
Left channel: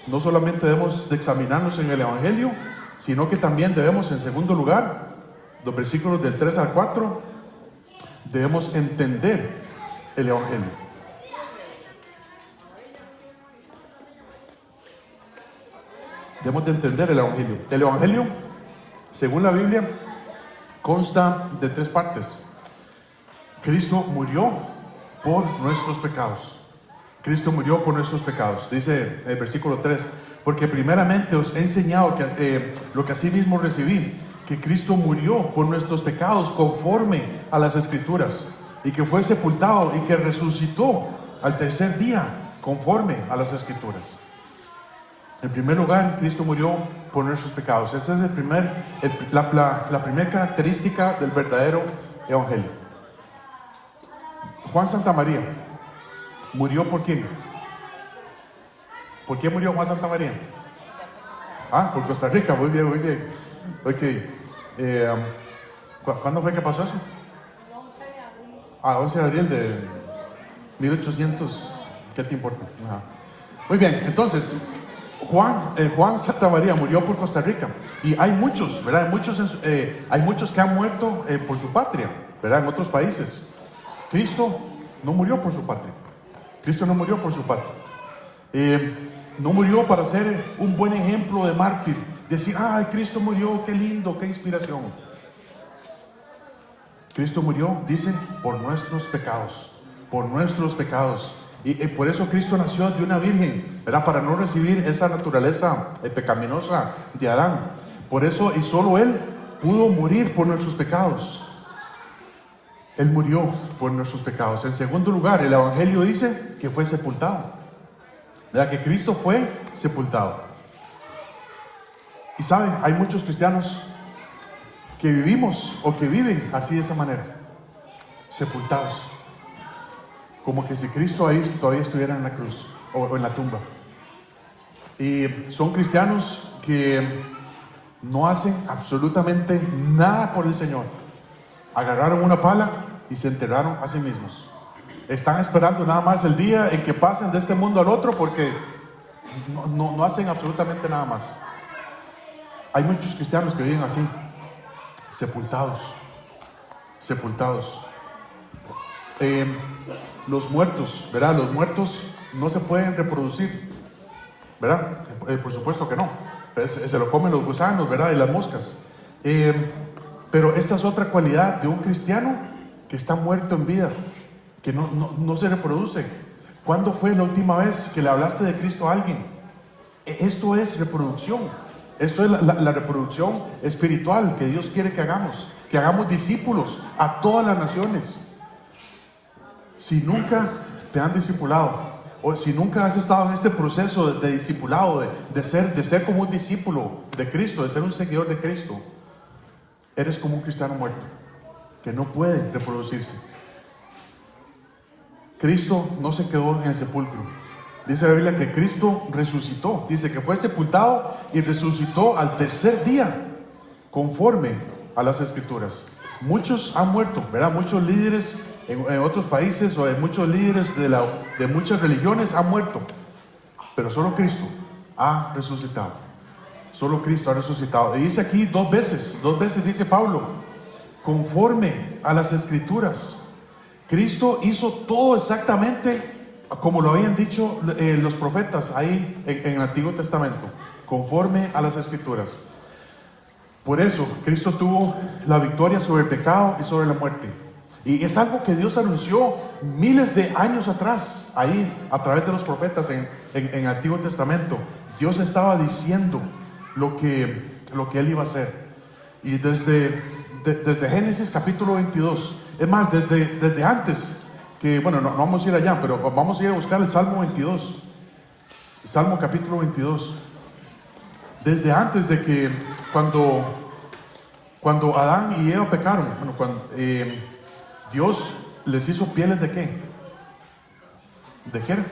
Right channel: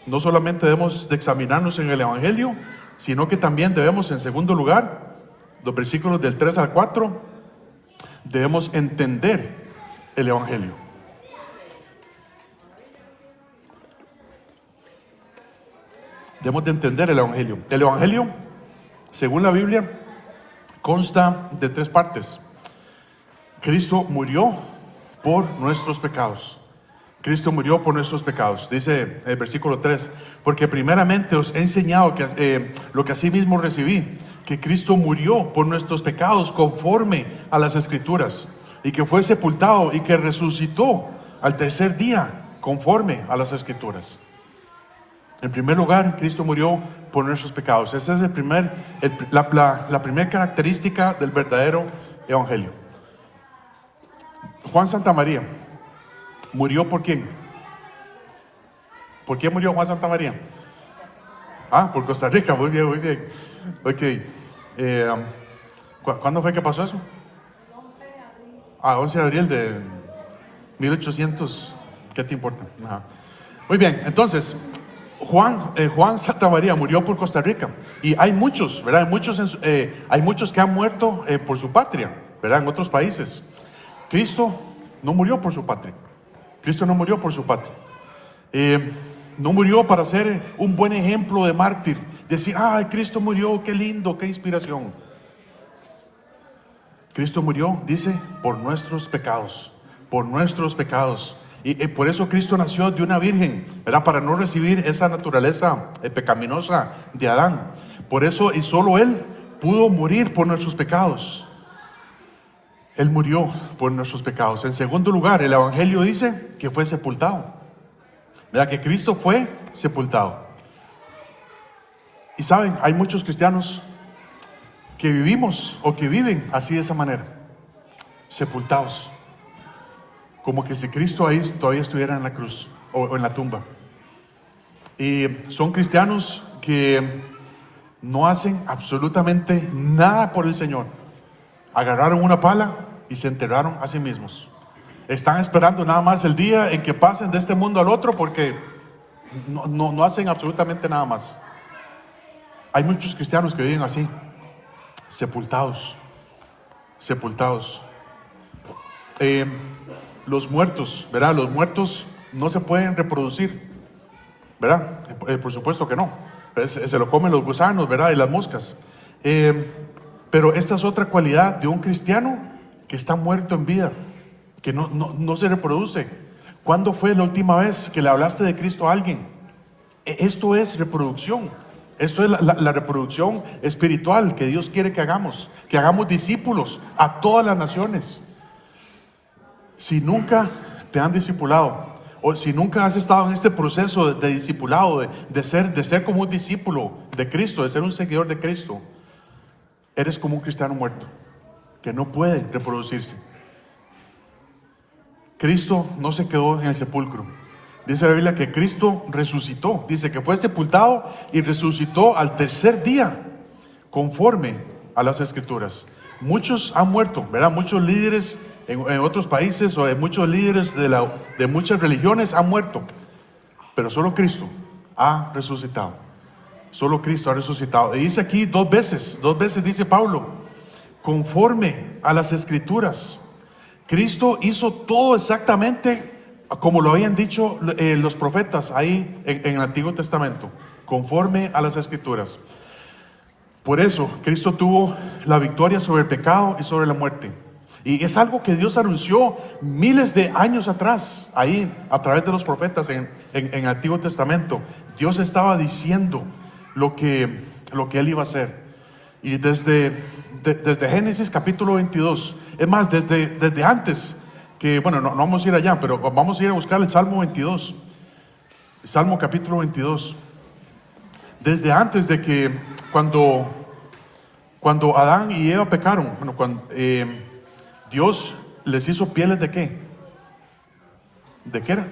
No solamente debemos de examinarnos en el evangelio, sino que también debemos, en segundo lugar, los versículos del 3 al 4, debemos entender el evangelio. Debemos de entender el evangelio. El evangelio, según la Biblia, consta de 3 partes. Cristo murió por nuestros pecados. Cristo murió por nuestros pecados. Dice el versículo 3, porque primeramente os he enseñado lo que asimismo recibí, que Cristo murió por nuestros pecados conforme a las Escrituras, y que fue sepultado y que resucitó al tercer día conforme a las Escrituras. En primer lugar, Cristo murió por nuestros pecados. Esa es la primera característica del verdadero evangelio. Juan Santamaría murió ¿por quién? ¿Por qué murió Juan Santamaría? Por Costa Rica. Muy bien. Ok. ¿Cuándo fue que pasó eso? 11 de abril de 1800. ¿Qué te importa? Muy bien, entonces Juan Santamaría murió por Costa Rica. Y hay muchos, ¿verdad? Hay muchos que han muerto por su patria, ¿verdad? En otros países. Cristo no murió por su patria. no murió para ser un buen ejemplo de mártir. Decir, Cristo murió, qué lindo, qué inspiración. Cristo murió, dice, por nuestros pecados. Por nuestros pecados. Y por eso Cristo nació de una virgen, ¿verdad? Para no recibir esa naturaleza pecaminosa de Adán. Por eso, y solo Él pudo morir por nuestros pecados. Él murió por nuestros pecados. En segundo lugar, el Evangelio dice que fue sepultado. ¿Verdad? Que Cristo fue sepultado. Y saben, hay muchos cristianos que vivimos o que viven así, de esa manera, sepultados, como que si Cristo ahí todavía estuviera en la cruz o en la tumba. Y son cristianos que no hacen absolutamente nada por el Señor. Agarraron una pala y se enterraron a sí mismos. Están esperando nada más el día en que pasen de este mundo al otro, porque no hacen absolutamente nada más. Hay muchos cristianos que viven así, sepultados. Los muertos, ¿verdad? Los muertos no se pueden reproducir, ¿verdad? Por supuesto que no. Se lo comen los gusanos, ¿verdad? Y las moscas. Pero esta es otra cualidad de un cristiano que está muerto en vida, que no se reproduce. ¿Cuándo fue la última vez que le hablaste de Cristo a alguien? Esto es reproducción. Esto es la reproducción espiritual que Dios quiere que hagamos discípulos a todas las naciones. Si nunca te han discipulado, o si nunca has estado en este proceso de discipulado, de ser como un discípulo de Cristo, de ser un seguidor de Cristo, eres como un cristiano muerto, que no puede reproducirse. Cristo no se quedó en el sepulcro. Dice la Biblia que Cristo resucitó. Dice que fue sepultado y resucitó al tercer día, conforme a las Escrituras. Muchos han muerto, ¿verdad? Muchos líderes en otros países, o muchos líderes de muchas religiones han muerto. Pero solo Cristo ha resucitado. Solo Cristo ha resucitado. Y dice aquí dos veces dice Pablo, conforme a las Escrituras. Cristo hizo todo exactamente como lo habían dicho los profetas ahí en el Antiguo Testamento, conforme a las Escrituras. Por eso Cristo tuvo la victoria sobre el pecado y sobre la muerte. Y es algo que Dios anunció miles de años atrás, ahí a través de los profetas en el Antiguo Testamento. Dios estaba diciendo lo que Él iba a hacer. Y desde Génesis capítulo 22, es más, desde antes, que bueno, no vamos a ir allá, pero vamos a ir a buscar el Salmo 22, Salmo capítulo 22. Desde antes de que cuando Adán y Eva pecaron, Dios les hizo pieles ¿de qué? ¿De qué era?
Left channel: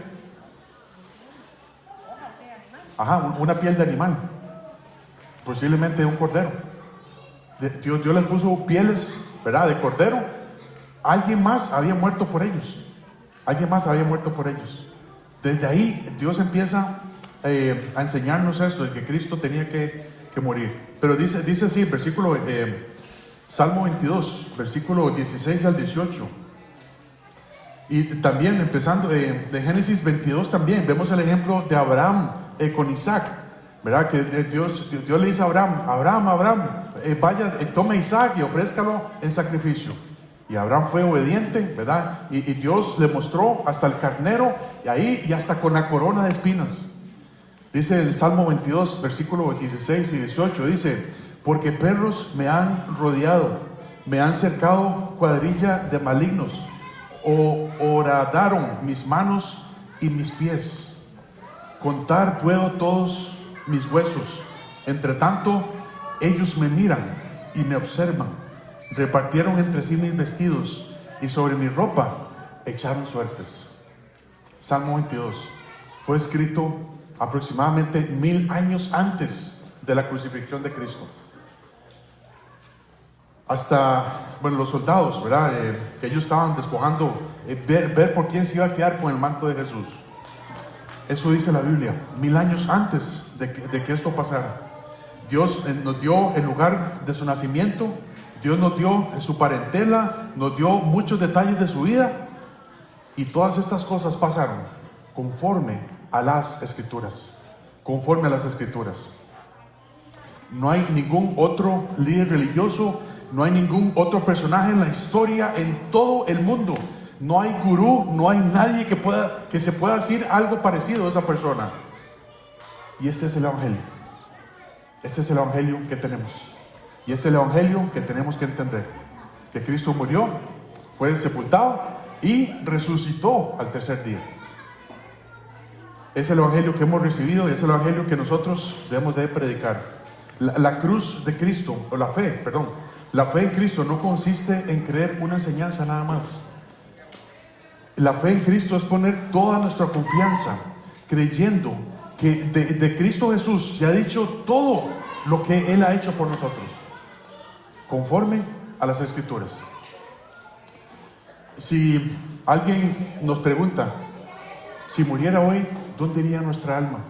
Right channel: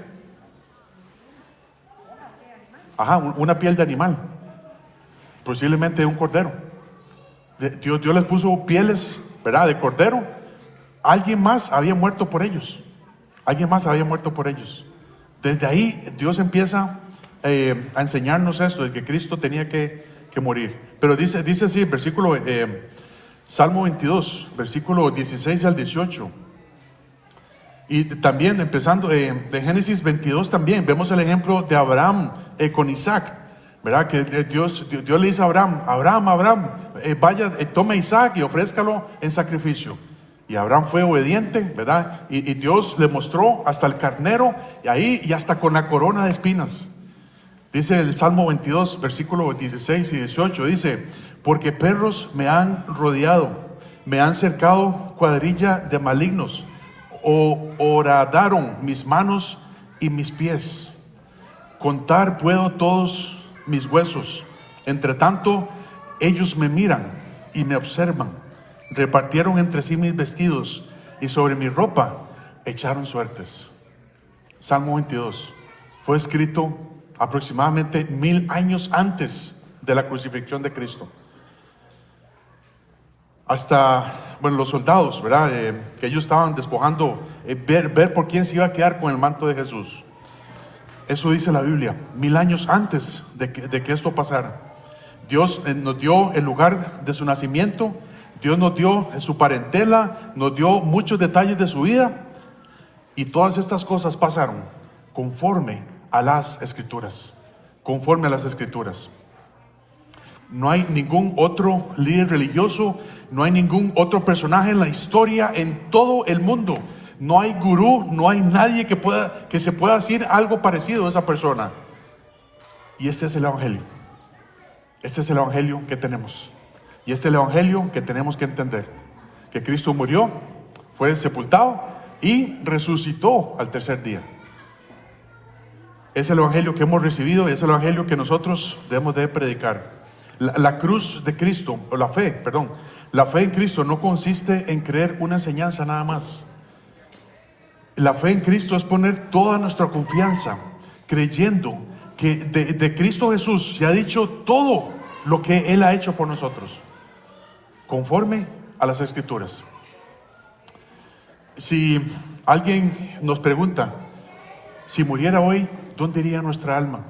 Una piel de animal, posiblemente de un cordero. Dios les puso pieles, ¿verdad?, de cordero. Alguien más había muerto por ellos. Desde ahí Dios empieza a enseñarnos esto, de que Cristo tenía que morir. Pero dice así, versículo Salmo 22, versículo 16 al 18. Y también empezando de Génesis 22, también vemos el ejemplo de Abraham con Isaac, ¿verdad? Que Dios le dice a Abraham, vaya, tome a Isaac y ofrézcalo en sacrificio. Y Abraham fue obediente, ¿verdad? Y Dios le mostró hasta el carnero, y hasta con la corona de espinas. Dice el Salmo 22, versículos 16 y 18, dice, porque perros me han rodeado, me han cercado cuadrilla de malignos, horadaron mis manos y mis pies. Contar puedo todos mis huesos. Entre tanto, ellos me miran y me observan. Repartieron entre sí mis vestidos y sobre mi ropa echaron suertes. Salmo 22 fue escrito aproximadamente 1000 años antes de la crucifixión de Cristo. Hasta, los soldados, ¿verdad? Que ellos estaban despojando, ver por quién se iba a quedar con el manto de Jesús. Eso dice la Biblia, 1000 años antes de que esto pasara. Dios nos dio el lugar de su nacimiento. Dios nos dio su parentela, nos dio muchos detalles de su vida, y todas estas cosas pasaron conforme a las Escrituras, conforme a las Escrituras. No hay ningún otro líder religioso, no hay ningún otro personaje en la historia, en todo el mundo. No hay gurú, no hay nadie que se pueda decir algo parecido a esa persona. Y este es el Evangelio. Este es el Evangelio que tenemos. Y este es el Evangelio que tenemos que entender. Que Cristo murió, fue sepultado y resucitó al tercer día. Es el Evangelio que hemos recibido y es el Evangelio que nosotros debemos de predicar. La cruz de Cristo, o la fe en Cristo no consiste en creer una enseñanza nada más. La fe en Cristo es poner toda nuestra confianza, creyendo que de Cristo Jesús se ha dicho todo lo que Él ha hecho por nosotros, conforme a las Escrituras. Si alguien nos pregunta, si muriera hoy, ¿dónde iría nuestra alma?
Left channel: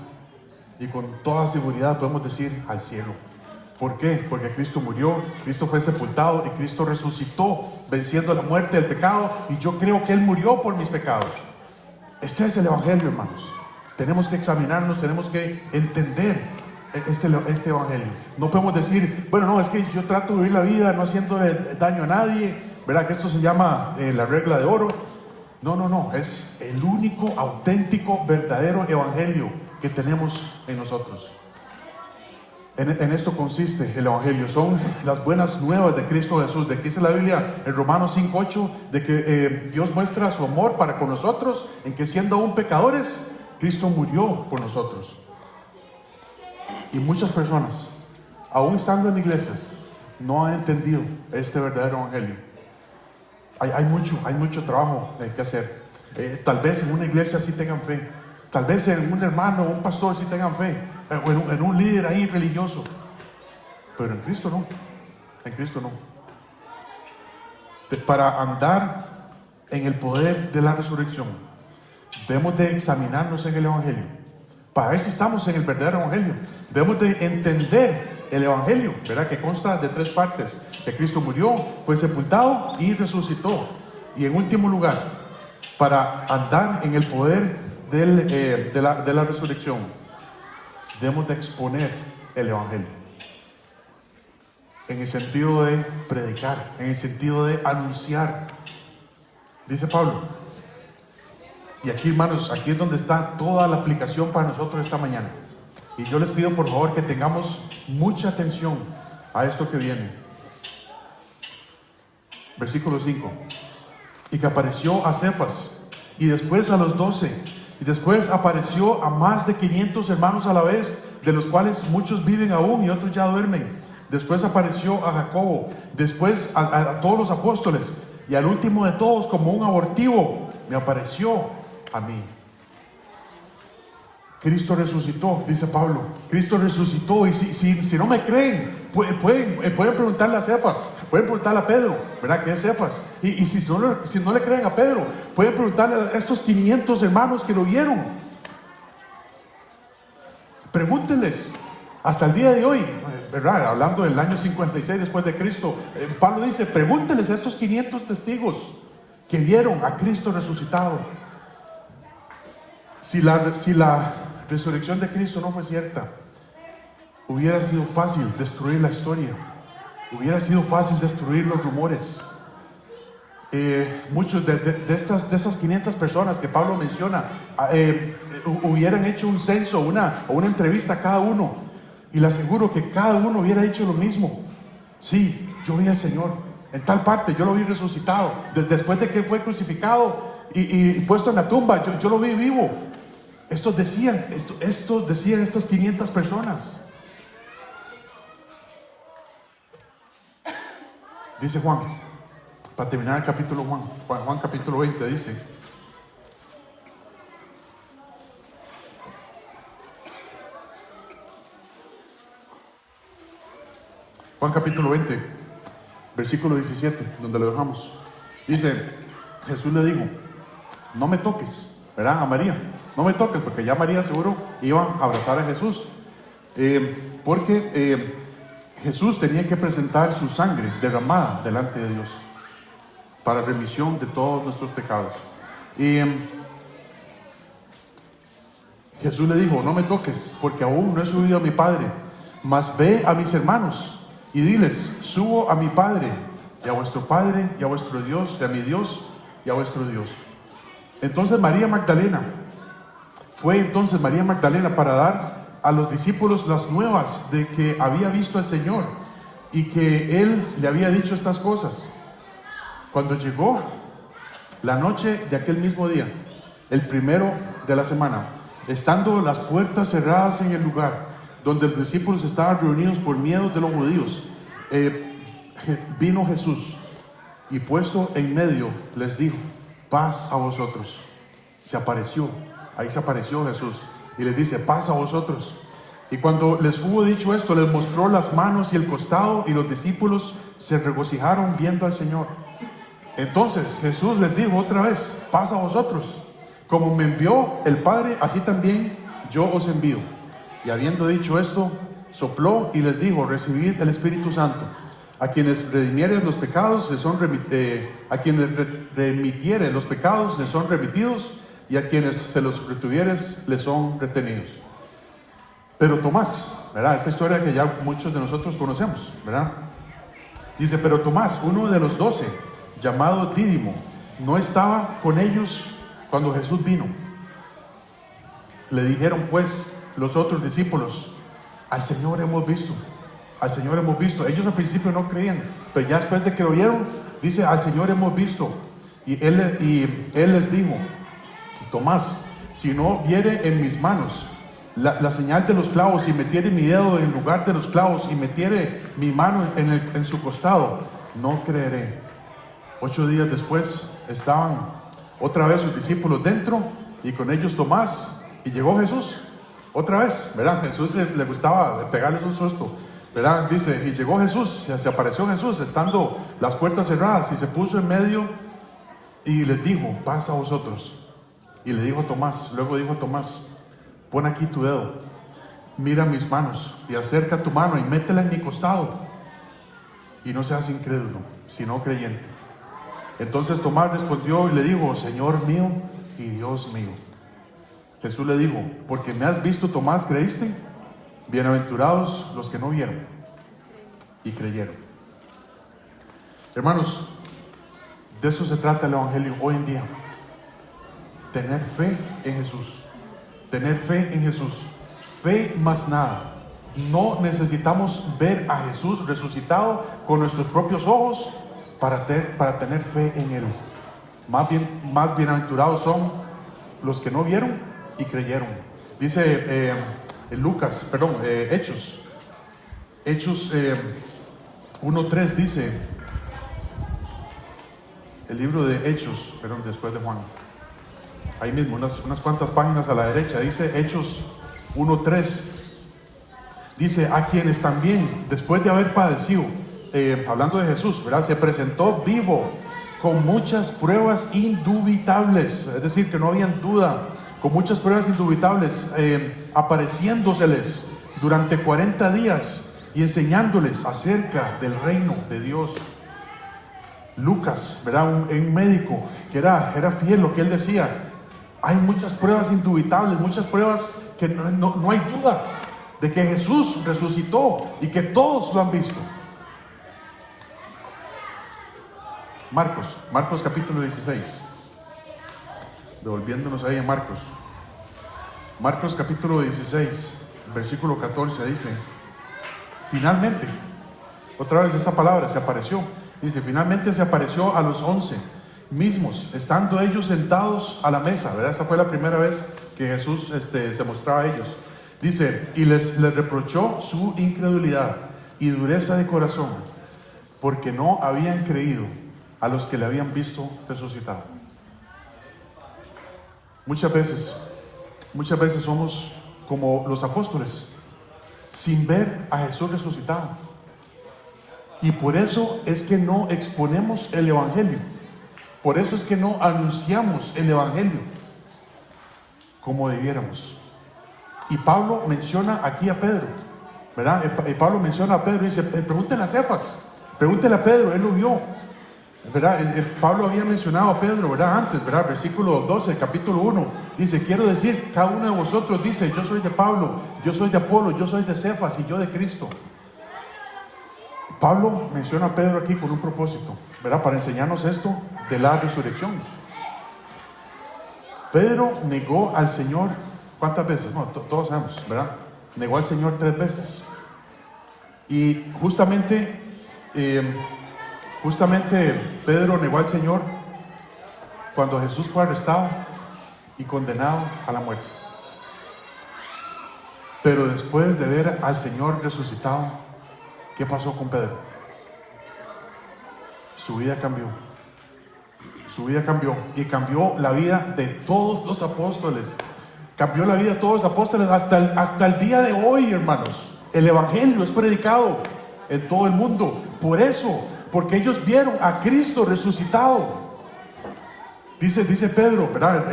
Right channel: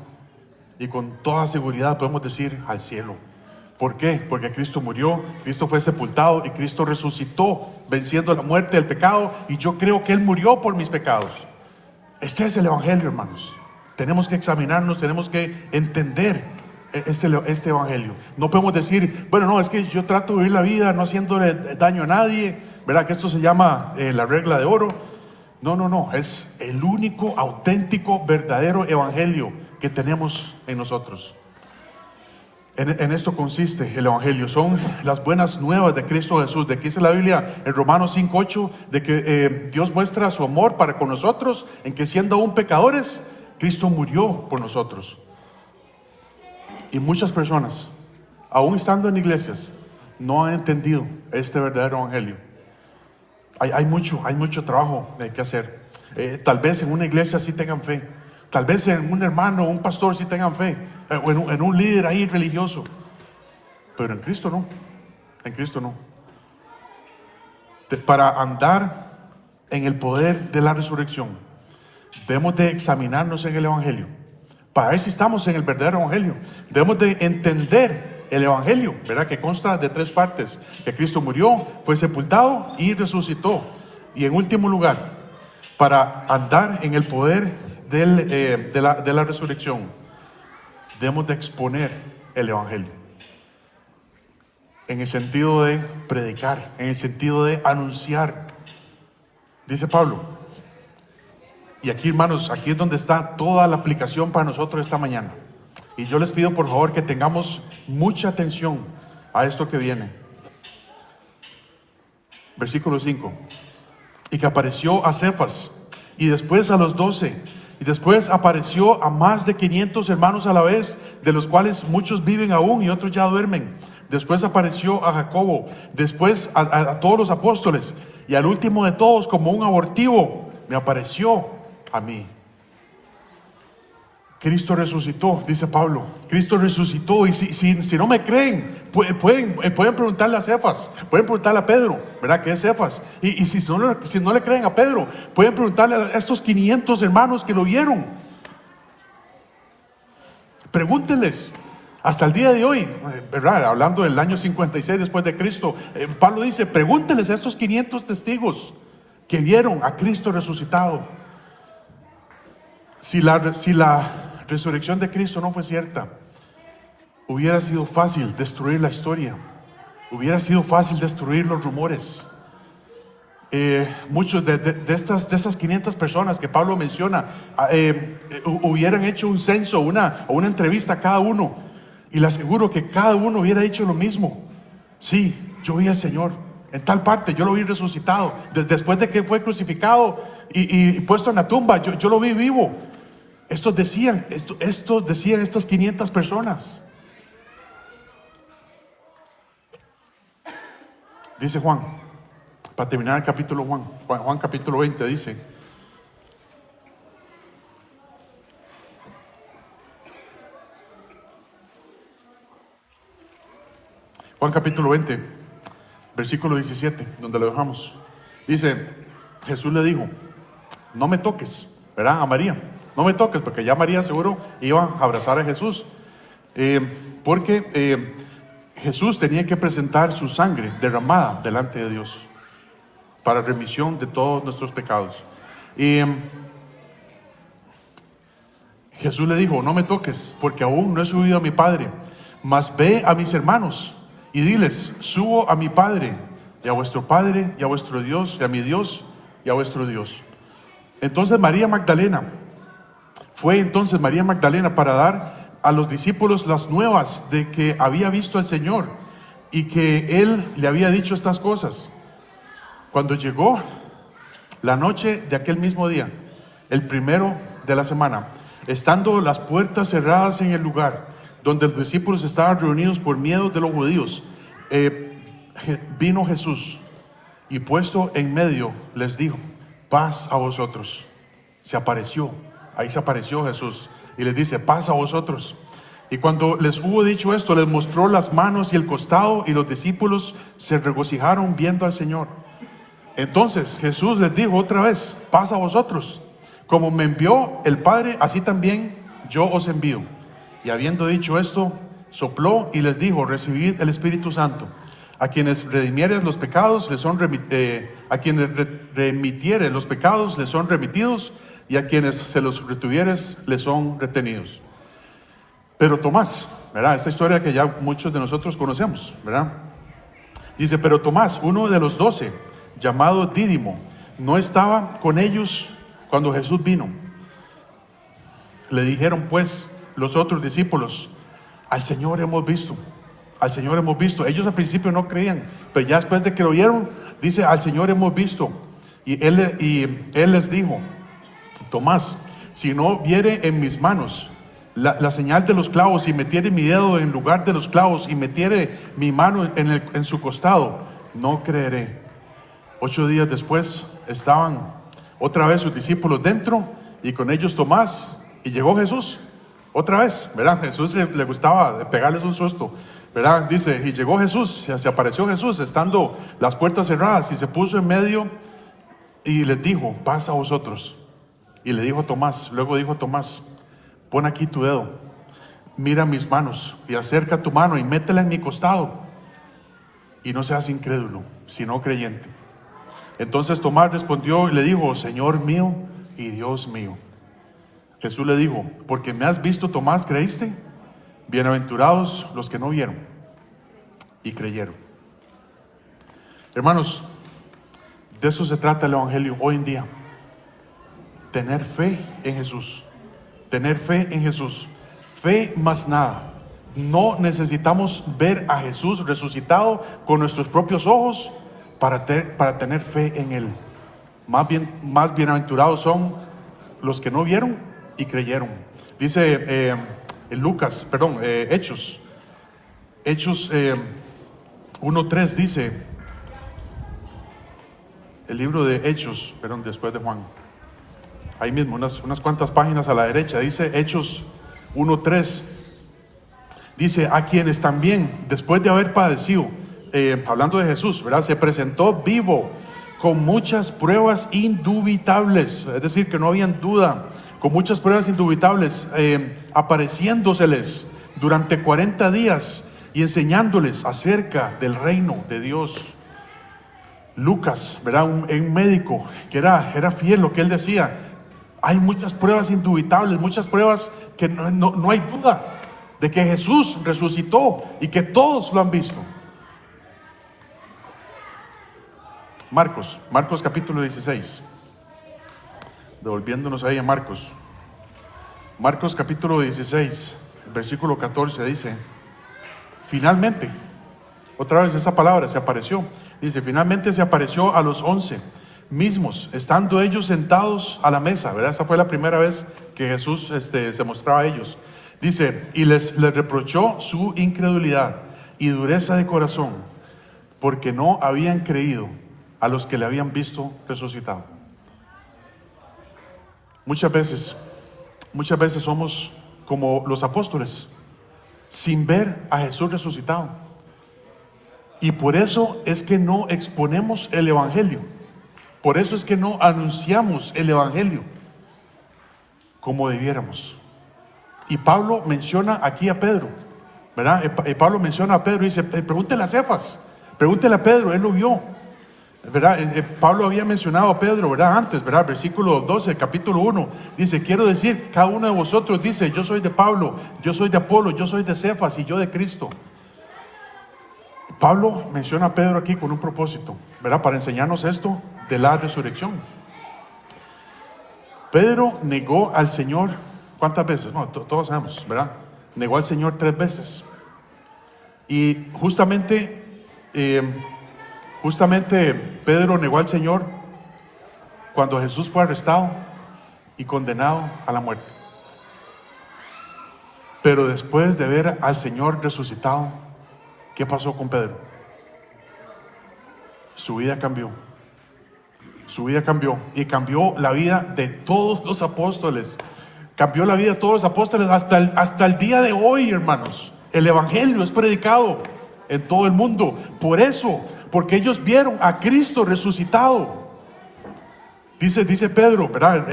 Y con toda seguridad podemos decir, al cielo. ¿Por qué? Porque Cristo murió, Cristo fue sepultado y Cristo resucitó, venciendo la muerte del pecado, y yo creo que Él murió por mis pecados. Este es el Evangelio, hermanos. Tenemos que examinarnos, tenemos que entender este Evangelio. No podemos decir, bueno, no, es que yo trato de vivir la vida no haciéndole daño a nadie, ¿verdad? Que esto se llama la regla de oro. No, es el único, auténtico, verdadero Evangelio que tenemos en nosotros. En esto consiste el Evangelio, son las buenas nuevas de Cristo Jesús. De que dice la Biblia en Romanos 5:8, de que Dios muestra su amor para con nosotros, en que siendo aún pecadores, Cristo murió por nosotros. Y muchas personas, aún estando en iglesias, no han entendido este verdadero Evangelio. Hay mucho trabajo que hacer. Tal vez en una iglesia sí tengan fe, tal vez en un hermano, un pastor sí tengan fe, o en un líder ahí religioso, pero en Cristo no. En Cristo no. Para andar en el poder de la resurrección, debemos de examinarnos en el Evangelio, para ver si estamos en el verdadero Evangelio. Debemos de entender el Evangelio, ¿verdad? Que consta de 3 partes: que Cristo murió, fue sepultado y resucitó. Y en último lugar, para andar en el poder de la resurrección, debemos de exponer el Evangelio, en el sentido de predicar, en el sentido de anunciar. Dice Pablo, y aquí, hermanos, aquí es donde está toda la aplicación para nosotros esta mañana. Y yo les pido por favor que tengamos mucha atención a esto que viene. Versículo 5. Y que apareció a Cefas, y después a los 12, y después apareció a más de 500 hermanos a la vez, de los cuales muchos viven aún y otros ya duermen. Después apareció a Jacobo, después a todos los apóstoles, y al último de todos, como un abortivo, me apareció a mí. Cristo resucitó, dice Pablo. Cristo resucitó, y si no me creen, pueden preguntarle a Cefas, pueden preguntarle a Pedro, ¿verdad? ¿Qué es Cefas? Y si no le creen a Pedro, pueden preguntarle a estos 500 hermanos que lo vieron. Pregúntenles. Hasta el día de hoy, ¿verdad? Hablando del año 56 después de Cristo, Pablo dice, pregúntenles a estos 500 testigos que vieron a Cristo resucitado. Si la resurrección de Cristo no fue cierta, hubiera sido fácil destruir la historia, hubiera sido fácil destruir los rumores. Muchos de esas 500 personas que Pablo menciona hubieran hecho un censo o una entrevista a cada uno, y le aseguro que cada uno hubiera hecho lo mismo. Sí, yo vi al Señor en tal parte, yo lo vi resucitado después de que fue crucificado y puesto en la tumba, yo lo vi vivo. Esto decían estas 500 personas. Dice Juan, para terminar el capítulo Juan capítulo 20 dice: Juan capítulo 20, versículo 17, donde lo dejamos. Dice, Jesús le dijo, no me toques, ¿verdad? A María, no me toques, porque ya María seguro iba a abrazar a Jesús, porque Jesús tenía que presentar su sangre derramada delante de Dios para remisión de todos nuestros pecados. Jesús le dijo, no me toques, porque aún no he subido a mi Padre, mas ve a mis hermanos y diles, subo a mi Padre y a vuestro Padre y a vuestro Dios y a mi Dios y a vuestro Dios. Entonces María Magdalena para dar a los discípulos las nuevas de que había visto al Señor y que Él le había dicho estas cosas. Cuando llegó la noche de aquel mismo día, el primero de la semana, estando las puertas cerradas en el lugar donde los discípulos estaban reunidos por miedo de los judíos, vino Jesús y puesto en medio les dijo, paz a vosotros. Ahí se apareció Jesús y les dice, paz a vosotros. Y cuando les hubo dicho esto, les mostró las manos y el costado, y los discípulos se regocijaron viendo al Señor. Entonces Jesús les dijo otra vez, paz a vosotros. Como me envió el Padre, así también yo os envío. Y habiendo dicho esto, sopló y les dijo, recibid el Espíritu Santo. A quienes remitieren los pecados les son remitidos, y a quienes se los retuvieres les son retenidos. Pero Tomás, ¿verdad? Esta historia que ya muchos de nosotros conocemos, ¿verdad? Dice, pero Tomás, uno de los 12, llamado Dídimo, no estaba con ellos cuando Jesús vino. Le dijeron pues los otros discípulos, al Señor hemos visto. Ellos al principio no creían, pero ya después de que lo oyeron, dice, al Señor hemos visto. Y él les dijo, Tomás, si no viere en mis manos la señal de los clavos, y metiere mi dedo en lugar de los clavos, y metiere mi mano en su costado, no creeré. 8 días después estaban otra vez sus discípulos dentro, y con ellos Tomás, y llegó Jesús otra vez, ¿verdad? Jesús le gustaba pegarles un susto, ¿verdad? Dice, y llegó Jesús, se apareció Jesús estando las puertas cerradas, y se puso en medio y les dijo, paz a vosotros. Y le dijo Tomás, luego dijo Tomás, pon aquí tu dedo, mira mis manos, y acerca tu mano y métela en mi costado, y no seas incrédulo, sino creyente. Entonces Tomás respondió y le dijo, Señor mío y Dios mío. Jesús le dijo, porque me has visto, Tomás, ¿creíste? Bienaventurados los que no vieron y creyeron. Hermanos, de eso se trata el Evangelio hoy en día. Tener fe en Jesús. Tener fe en Jesús. Fe más nada. No necesitamos ver a Jesús resucitado con nuestros propios ojos para tener fe en Él. Más bienaventurados son los que no vieron y creyeron. Dice Hechos 1:3 dice, el libro de Hechos, después de Juan, ahí mismo, unas cuantas páginas a la derecha, dice Hechos 1:3, dice, a quienes también, después de haber padecido, hablando de Jesús, ¿verdad? Se presentó vivo, con muchas pruebas indubitables, es decir, que no habían duda, con muchas pruebas indubitables, apareciéndoseles durante 40 días y enseñándoles acerca del reino de Dios. Lucas, ¿verdad? Un médico que era fiel lo que él decía. Hay muchas pruebas indubitables, muchas pruebas que no hay duda de que Jesús resucitó y que todos lo han visto. Marcos capítulo 16. Devolviéndonos ahí a Marcos capítulo 16, versículo 14 dice, finalmente, otra vez esa palabra se apareció, dice, finalmente se apareció a los 11 mismos, estando ellos sentados a la mesa, ¿verdad? Esa fue la primera vez que Jesús se mostraba a ellos. Dice, y les reprochó su incredulidad y dureza de corazón, porque no habían creído a los que le habían visto resucitado. Muchas veces somos como los apóstoles, sin ver a Jesús resucitado. Y por eso es que no exponemos el Evangelio. Por eso es que no anunciamos el Evangelio como debiéramos. Y Pablo menciona aquí a Pedro, ¿verdad? Pablo menciona a Pedro y dice, pregúntele a Cefas, pregúntele a Pedro, él lo vio. ¿verdad? Pablo había mencionado a Pedro, ¿verdad? Antes, ¿verdad? Versículo 12, capítulo 1, dice, quiero decir, cada uno de vosotros dice, yo soy de Pablo, yo soy de Apolo, yo soy de Cefas y yo de Cristo. Pablo menciona a Pedro aquí con un propósito, ¿verdad? Para enseñarnos esto de la resurrección. Pedro negó al Señor, ¿cuántas veces? No, todos sabemos, ¿verdad? Negó al Señor 3 veces. Y justamente Pedro negó al Señor cuando Jesús fue arrestado y condenado a la muerte. Pero después de ver al Señor resucitado, ¿qué pasó con Pedro? Su vida cambió. Su vida cambió y cambió la vida de todos los apóstoles. Cambió la vida de todos los apóstoles hasta el día de hoy, hermanos. El evangelio es predicado en todo el mundo. Por eso, porque ellos vieron a Cristo resucitado. Dice Pedro, ¿verdad?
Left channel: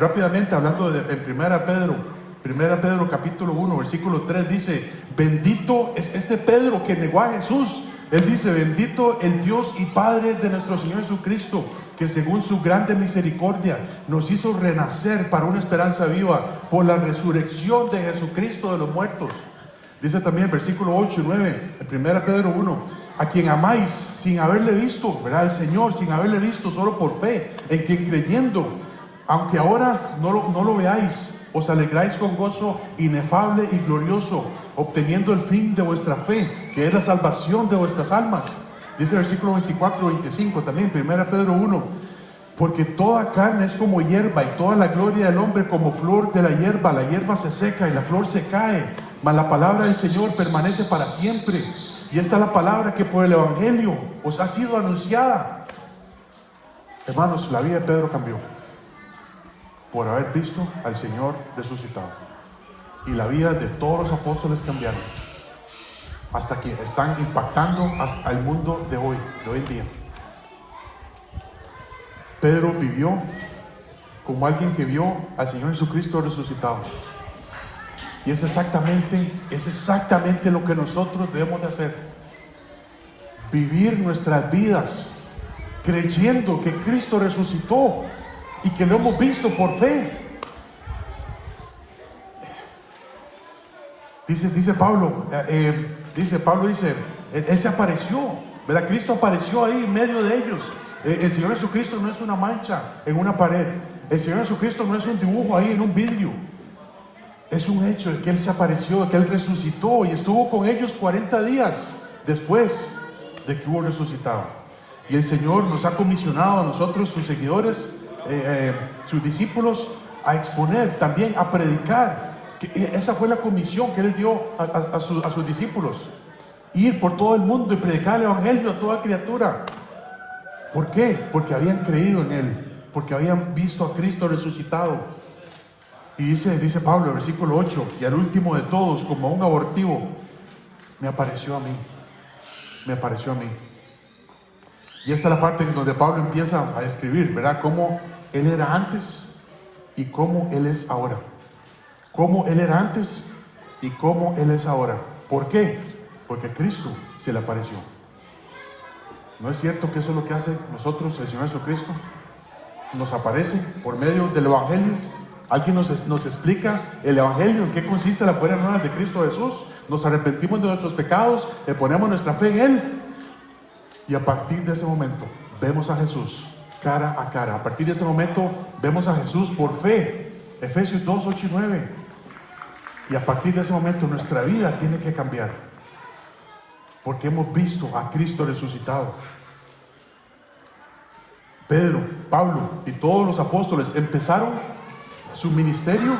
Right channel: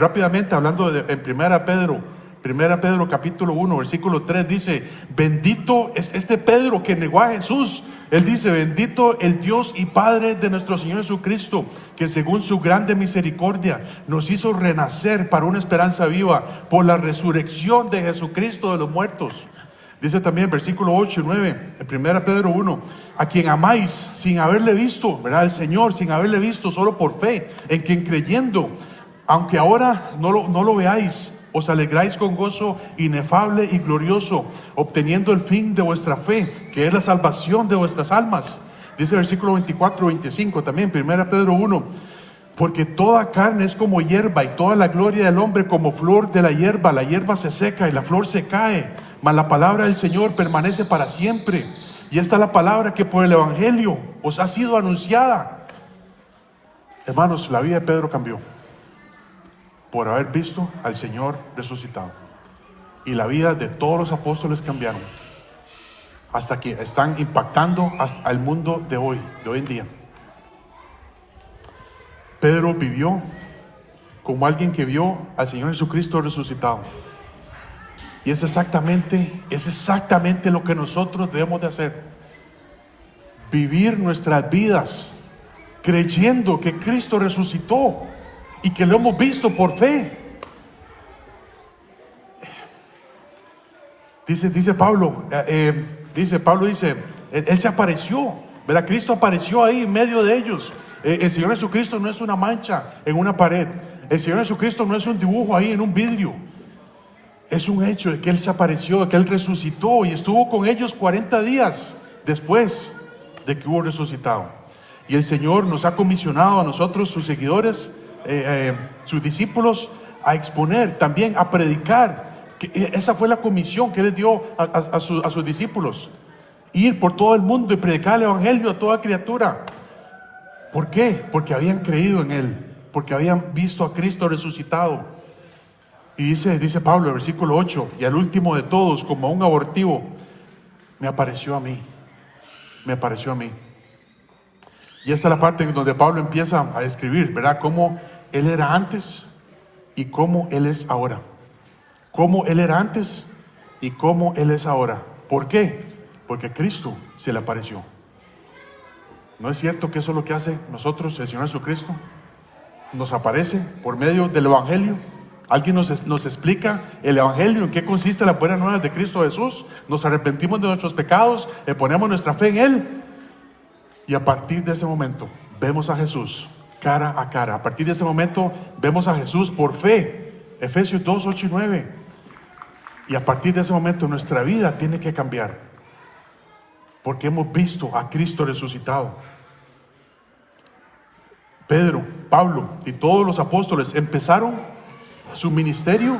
Rápidamente hablando en Primera Pedro capítulo 1, versículo 3, dice, bendito es este Pedro que negó a Jesús. Él dice, bendito el Dios y Padre de nuestro Señor Jesucristo, que según su grande misericordia nos hizo renacer para una esperanza viva por la resurrección de Jesucristo de los muertos. Dice también versículo 8 y 9, en 1 Pedro 1, a quien amáis sin haberle visto, ¿verdad? El Señor sin haberle visto, solo por fe, en quien creyendo, aunque ahora no lo veáis, os alegráis con gozo inefable y glorioso, obteniendo el fin de vuestra fe, que es la salvación de vuestras almas. Dice el versículo 24 y 25 también, 1 Pedro 1, porque toda carne es como hierba y toda la gloria del hombre como flor de la hierba se seca y la flor se cae, mas la palabra del Señor permanece para siempre. Y esta es la palabra que por el evangelio os ha sido anunciada. Hermanos, la vida de Pedro cambió por haber visto al Señor resucitado. Y la vida de todos los apóstoles cambiaron hasta que están impactando al mundo de hoy en día. Pedro vivió como alguien que vio al Señor Jesucristo resucitado. Y es exactamente lo que nosotros debemos de hacer. Vivir nuestras vidas creyendo que Cristo resucitó y que lo hemos visto por fe. Dice Pablo, él se apareció, ¿verdad? Cristo apareció ahí en medio de ellos. El Señor Jesucristo no es una mancha en una pared. El Señor Jesucristo no es un dibujo ahí en un vidrio. Es un hecho de que Él se apareció, de que Él resucitó y estuvo con ellos 40 días después de que hubo resucitado. Y el Señor nos ha comisionado a nosotros, sus seguidores, sus discípulos, a exponer, también a predicar. Esa fue la comisión que Él dio a sus discípulos. Ir por todo el mundo y predicar el evangelio a toda criatura. ¿Por qué? Porque habían creído en Él, porque habían visto a Cristo resucitado. Y dice Pablo, versículo 8, y al último de todos, como un abortivo, me apareció a mí. Y esta es la parte en donde Pablo empieza a escribir, ¿verdad? Cómo Él era antes y cómo Él es ahora. Cómo Él era antes y cómo Él es ahora. ¿Por qué? Porque Cristo se le apareció. ¿No es cierto que eso es lo que hace nosotros, el Señor Jesucristo? Nos aparece por medio del evangelio. Alguien nos explica el evangelio, en qué consiste la buena nueva de Cristo Jesús. Nos arrepentimos de nuestros pecados, le ponemos nuestra fe en Él. Y a partir de ese momento vemos a Jesús cara a cara. A partir de ese momento vemos a Jesús por fe. Efesios 2, 8 y 9. Y a partir de ese momento nuestra vida tiene que cambiar. Porque hemos visto a Cristo resucitado. Pedro, Pablo y todos los apóstoles empezaron su ministerio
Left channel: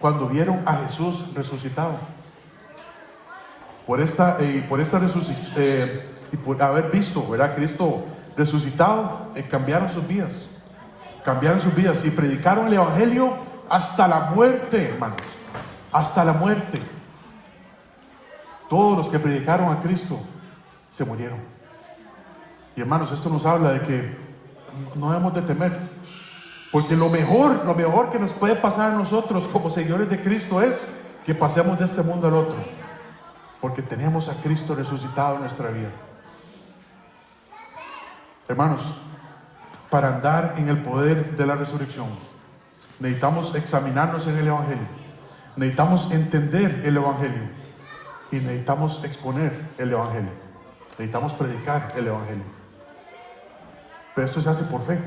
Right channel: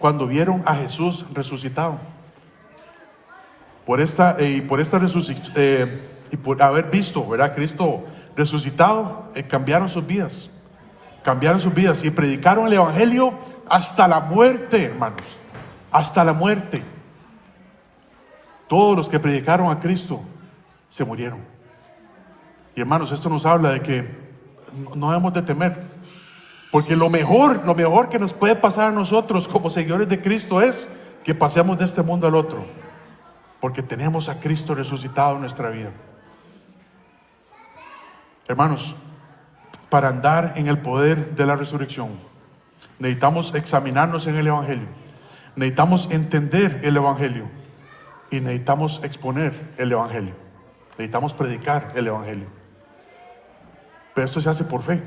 cuando vieron a Jesús resucitado. Por haber visto, ¿verdad? Cristo resucitado, cambiaron sus vidas y predicaron el evangelio hasta la muerte, hermanos, hasta la muerte. Todos los que predicaron a Cristo se murieron. Y hermanos, esto nos habla de que no debemos de temer. Porque lo mejor que nos puede pasar a nosotros como seguidores de Cristo es que pasemos de este mundo al otro. Porque tenemos a Cristo resucitado en nuestra vida. Hermanos, para andar en el poder de la resurrección, necesitamos examinarnos en el Evangelio, necesitamos entender el Evangelio y necesitamos exponer el Evangelio, necesitamos predicar el Evangelio. Pero esto se hace por fe.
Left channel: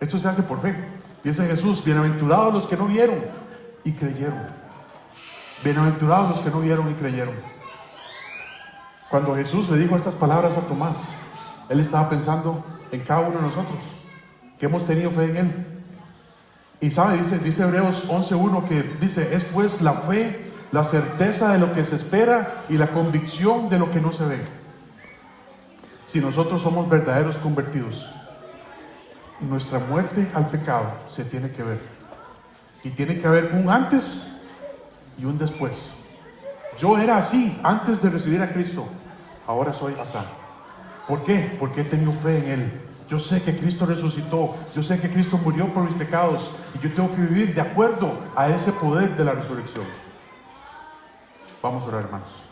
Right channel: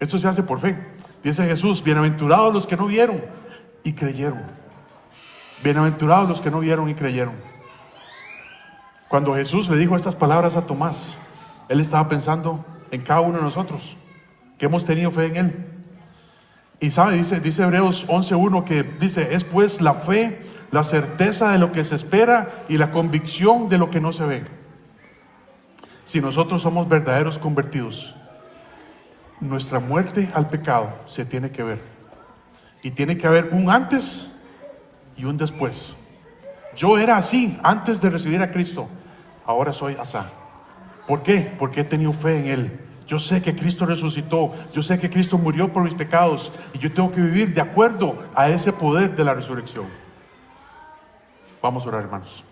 Esto se hace por fe. Dice Jesús: bienaventurados los que no vieron y creyeron. Bienaventurados los que no vieron y creyeron. Cuando Jesús le dijo estas palabras a Tomás, Él estaba pensando en cada uno de nosotros que hemos tenido fe en Él. Y sabe, dice Hebreos 11:1, que dice: es pues la fe, la certeza de lo que se espera y la convicción de lo que no se ve. Si nosotros somos verdaderos convertidos, nuestra muerte al pecado se tiene que ver. Y tiene que haber un antes y un después. Yo era así antes de recibir a Cristo, ahora soy así. ¿Por qué? Porque he tenido fe en Él. Yo sé que Cristo resucitó, yo sé que Cristo murió por mis pecados y yo tengo que vivir de acuerdo a ese poder de la resurrección. Vamos a orar, hermanos.